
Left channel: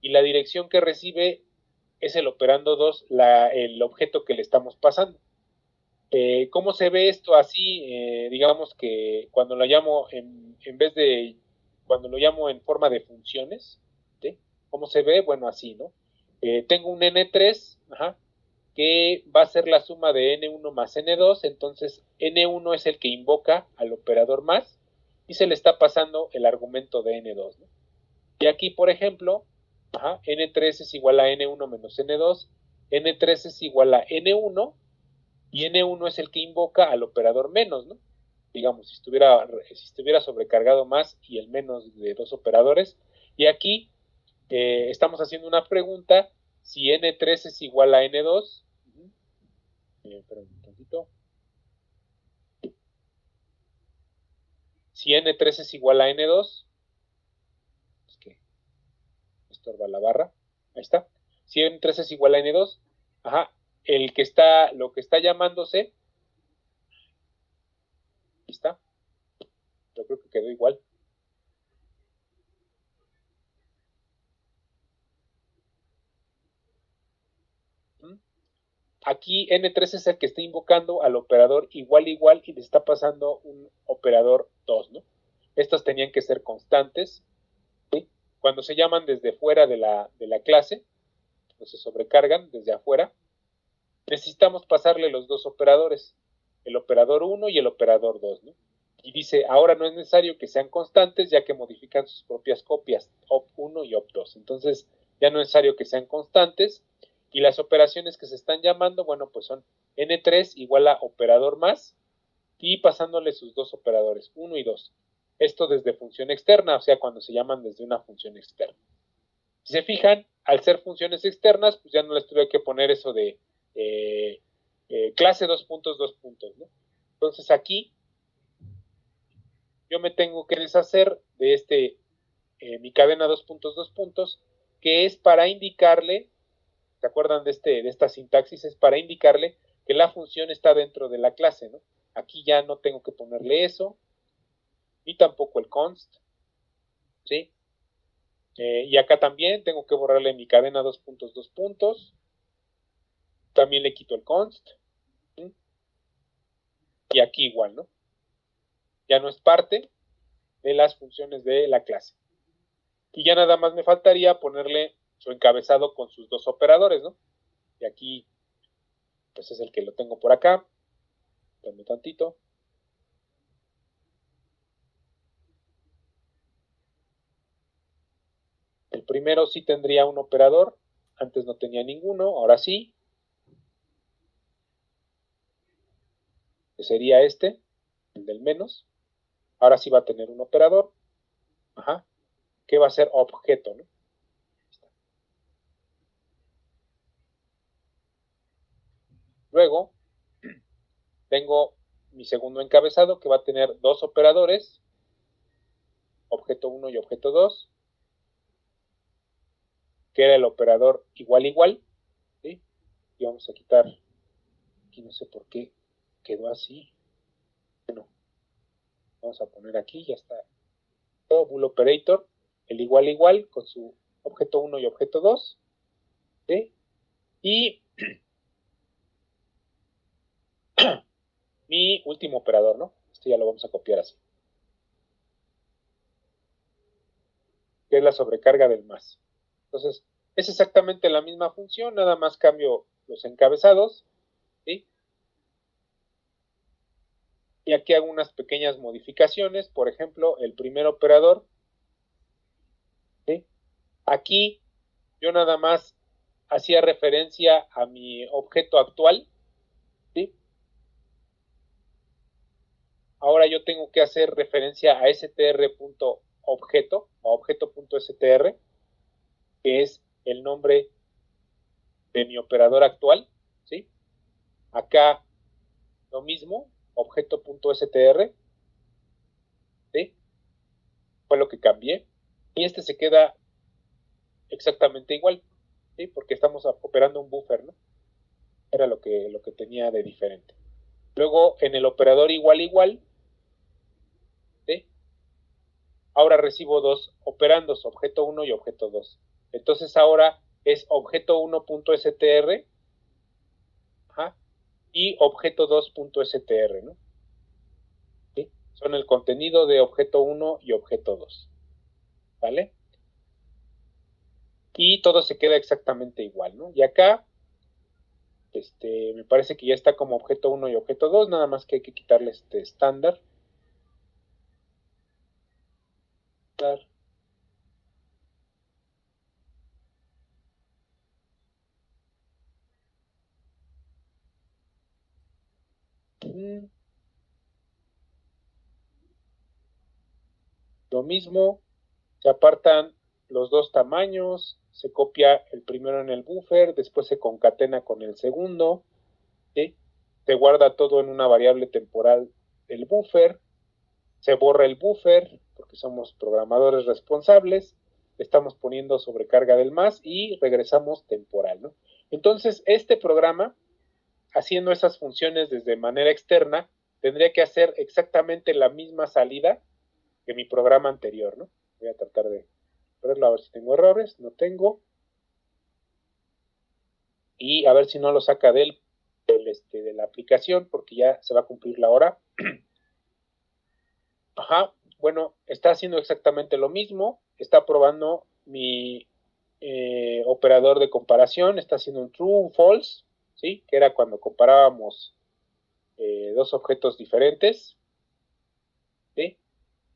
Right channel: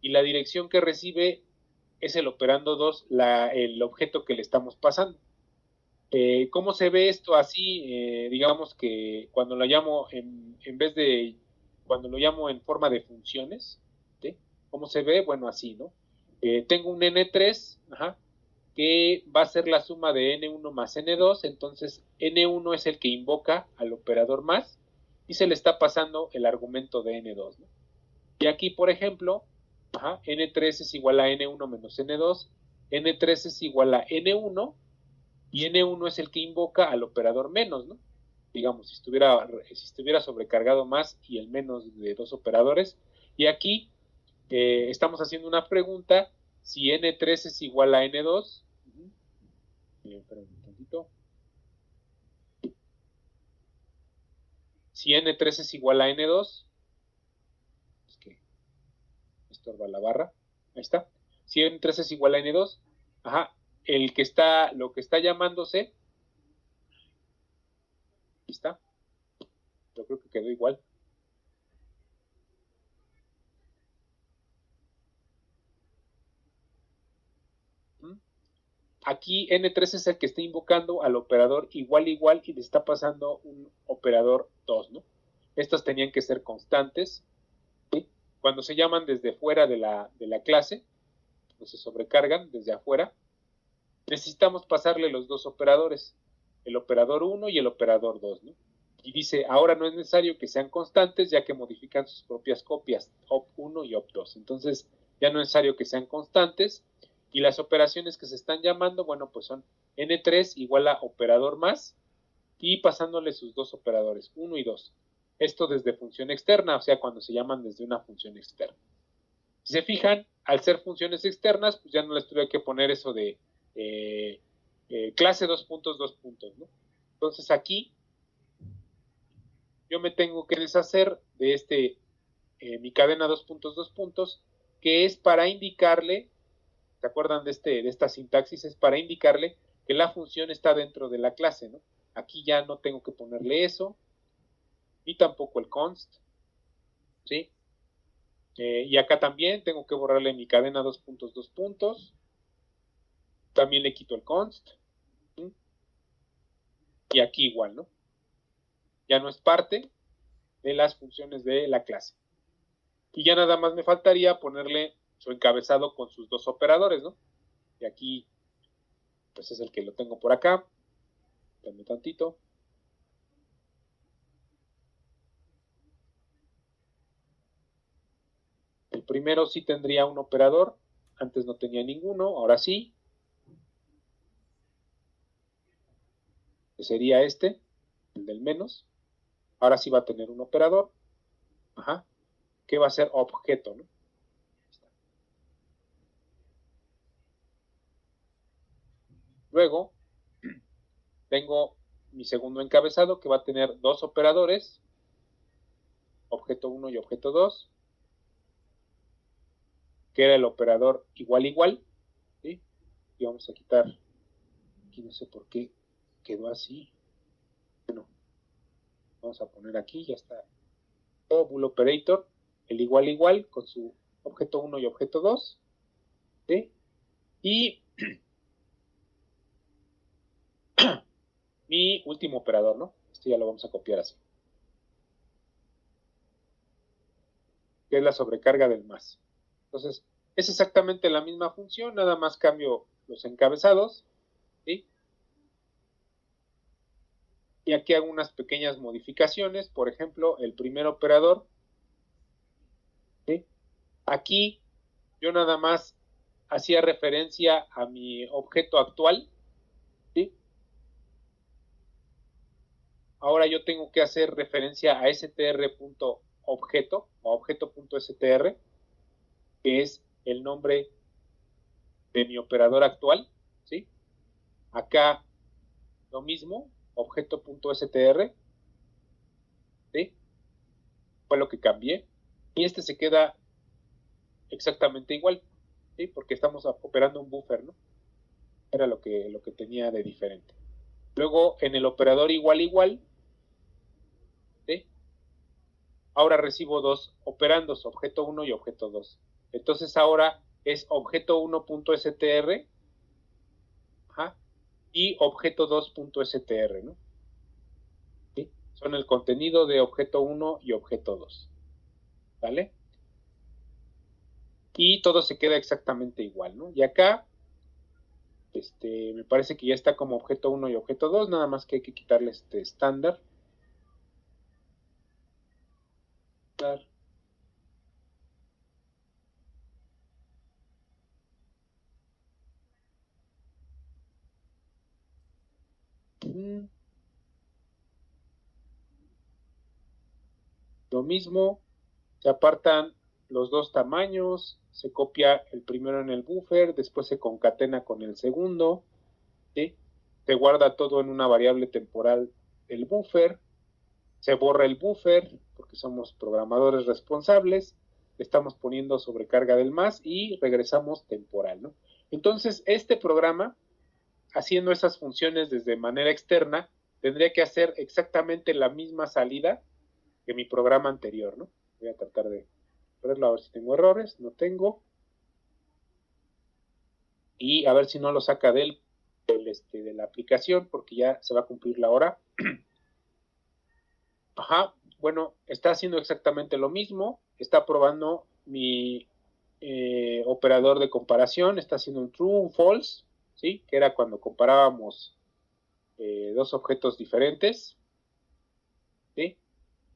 Y la dirección que recibe es el operando 2, el objeto que le estamos pasando. ¿Cómo se ve esto así? Digamos que cuando lo llamo cuando lo llamo en forma de funciones, ¿sí? ¿Cómo se ve? Bueno, así, ¿no? Tengo un N3, que va a ser la suma de N1 más N2, entonces N1 es el que invoca al operador más, y se le está pasando el argumento de N2, ¿no? Y aquí, por ejemplo, N3 es igual a N1 menos N2, N3 es igual a N1, y N1 es el que invoca al operador menos, ¿no? Digamos, si estuviera sobrecargado más y el menos de dos operadores. Y aquí estamos haciendo una pregunta: si N3 es igual a N2, espera un tantito. Si N3 es igual a N2, es que estorba la barra, ahí está. Si N3 es igual a N2, lo que está llamándose, ahí está, yo creo que quedó igual. aquí N3 es el que está invocando al operador igual igual y le está pasando un operador 2, ¿no? Estos tenían que ser constantes, ¿sí? Cuando se llaman desde fuera de la clase, o se sobrecargan desde afuera, necesitamos pasarle los dos operadores, el operador 1 y el operador 2, ¿no? Y dice, ahora no es necesario que sean constantes, ya que modifican sus propias copias, op1 y op2. Entonces, ya no es necesario que sean constantes, y las operaciones que se están llamando, bueno, pues son n3 igual a operador más, y pasándole sus dos operadores, 1 y 2. Esto desde función externa, o sea, cuando se llaman desde una función externa. Si se fijan, al ser funciones externas, pues ya no les tuve que poner eso de clase 2 puntos, ¿no? Entonces aquí yo me tengo que deshacer de mi cadena 2 puntos, que es para indicarle, ¿se acuerdan de esta sintaxis? Es para indicarle que la función está dentro de la clase, ¿no? Aquí ya no tengo que ponerle eso, ni tampoco el const, ¿sí? Y acá también tengo que borrarle mi cadena 2 puntos, también le quito el const, ¿sí? Y aquí igual, ¿no? Ya no es parte de las funciones de la clase. Y ya nada más me faltaría ponerle su encabezado con sus dos operadores, ¿no? Y aquí, pues es el que lo tengo por acá. Dame tantito. El primero sí tendría un operador. Antes no tenía ninguno, ahora sí. Que sería este, el del menos. Ahora sí va a tener un operador. Ajá. Que va a ser objeto, ¿no? Luego, tengo mi segundo encabezado que va a tener dos operadores, objeto 1 y objeto 2, que era el operador igual igual, ¿sí? Y vamos a quitar, aquí no sé por qué quedó así. Bueno, vamos a poner aquí, ya está. O bool operator, el igual igual con su objeto 1 y objeto 2, ¿sí? Y mi último operador, ¿no? Esto ya lo vamos a copiar así. Que es la sobrecarga del más. Entonces, es exactamente la misma función, nada más cambio los encabezados, ¿sí? Y aquí hago unas pequeñas modificaciones, por ejemplo, el primer operador, ¿sí? Aquí yo nada más hacía referencia a mi objeto actual, ¿sí? Ahora yo tengo que hacer referencia a str.objeto o objeto.str, que es el nombre de mi operador actual, ¿sí? Acá lo mismo, objeto.str, ¿sí? Fue lo que cambié. Y este se queda exactamente igual, ¿sí? Porque estamos operando un buffer, ¿no? Era lo que tenía de diferente. Luego, en el operador igual igual, ¿sí? Ahora recibo dos operandos, objeto 1 y objeto 2. Entonces ahora es objeto 1.str, ajá, y objeto 2.str, ¿no? ¿Sí? Son el contenido de objeto 1 y objeto 2, ¿vale? Y todo se queda exactamente igual, ¿no? Y acá, me parece que ya está como objeto 1 y objeto 2, nada más que hay que quitarle este estándar. Lo mismo, se apartan los dos tamaños, se copia el primero en el buffer, después se concatena con el segundo, ¿sí? Se guarda todo en una variable temporal del buffer, se borra el buffer, porque somos programadores responsables, estamos poniendo sobrecarga del más y regresamos temporal, ¿no? Entonces, este programa, haciendo esas funciones desde manera externa, tendría que hacer exactamente la misma salida que mi programa anterior, ¿no? Voy a tratar de verlo a ver si tengo errores, no tengo. Y a ver si no lo saca del de la aplicación, porque ya se va a cumplir la hora. Ajá, bueno, está haciendo exactamente lo mismo, está probando mi operador de comparación, está haciendo un true, un false, ¿sí? Que era cuando comparábamos dos objetos diferentes, ¿sí?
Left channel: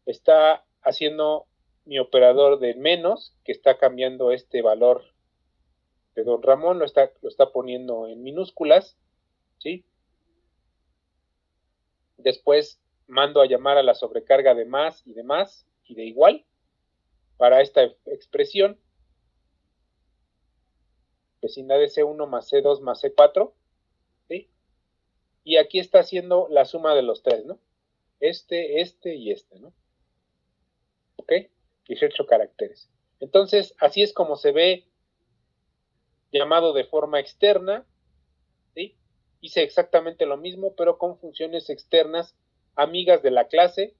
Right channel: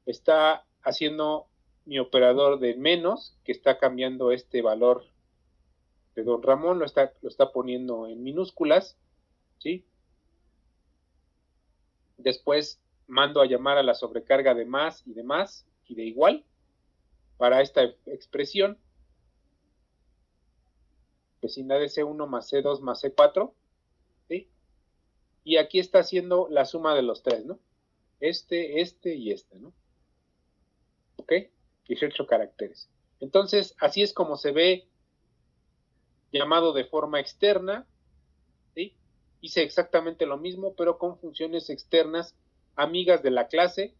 Está haciendo mi operador de menos, que está cambiando este valor de don Ramón, lo está poniendo en minúsculas, ¿sí? Después mando a llamar a la sobrecarga de más y de más y de igual para esta expresión, vecindad de C1 más C2 más C4, ¿sí? Y aquí está haciendo la suma de los tres, ¿no? Este y este, ¿no? ¿Ok? 18 caracteres. Entonces, así es como se ve llamado de forma externa, ¿sí? Hice exactamente lo mismo, pero con funciones externas amigas de la clase.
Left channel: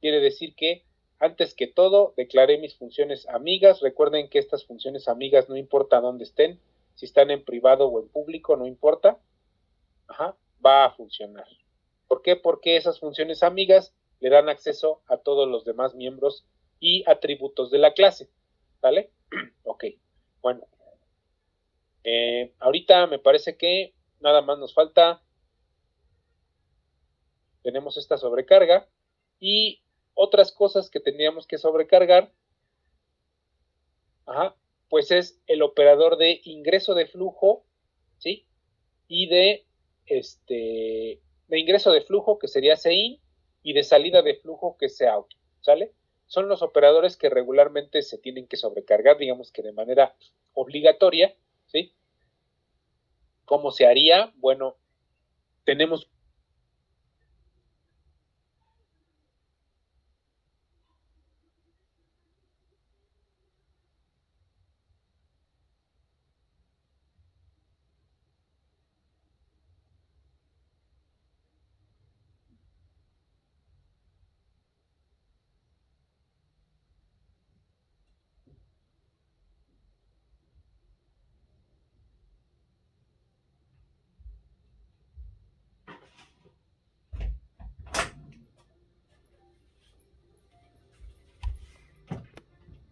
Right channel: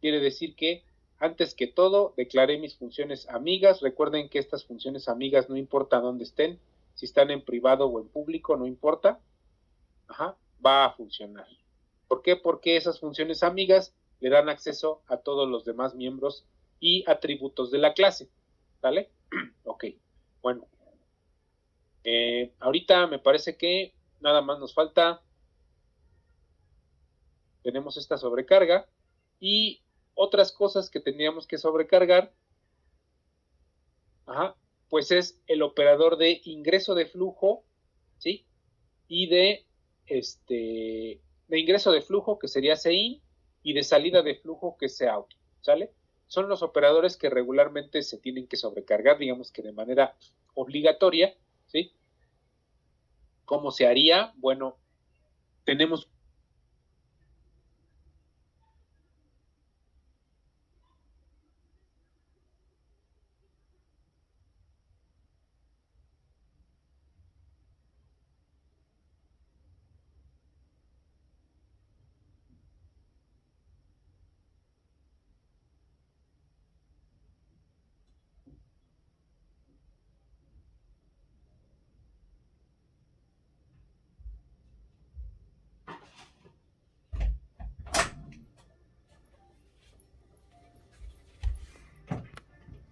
Quiere decir que, antes que todo, declaré mis funciones amigas. Recuerden que estas funciones amigas no importa dónde estén, si están en privado o en público, no importa. Ajá, va a funcionar. ¿Por qué? Porque esas funciones amigas le dan acceso a todos los demás miembros y atributos de la clase. ¿Vale? Ok, bueno. Ahorita me parece que nada más nos falta, tenemos esta sobrecarga y otras cosas que tendríamos que sobrecargar, ajá, pues es el operador de ingreso de flujo, ¿sí? Y de ingreso de flujo, que sería CIN, y de salida de flujo, que es COUT, ¿sale? Son los operadores que regularmente se tienen que sobrecargar, digamos que de manera obligatoria, ¿sí? ¿Cómo se haría? Bueno, tenemos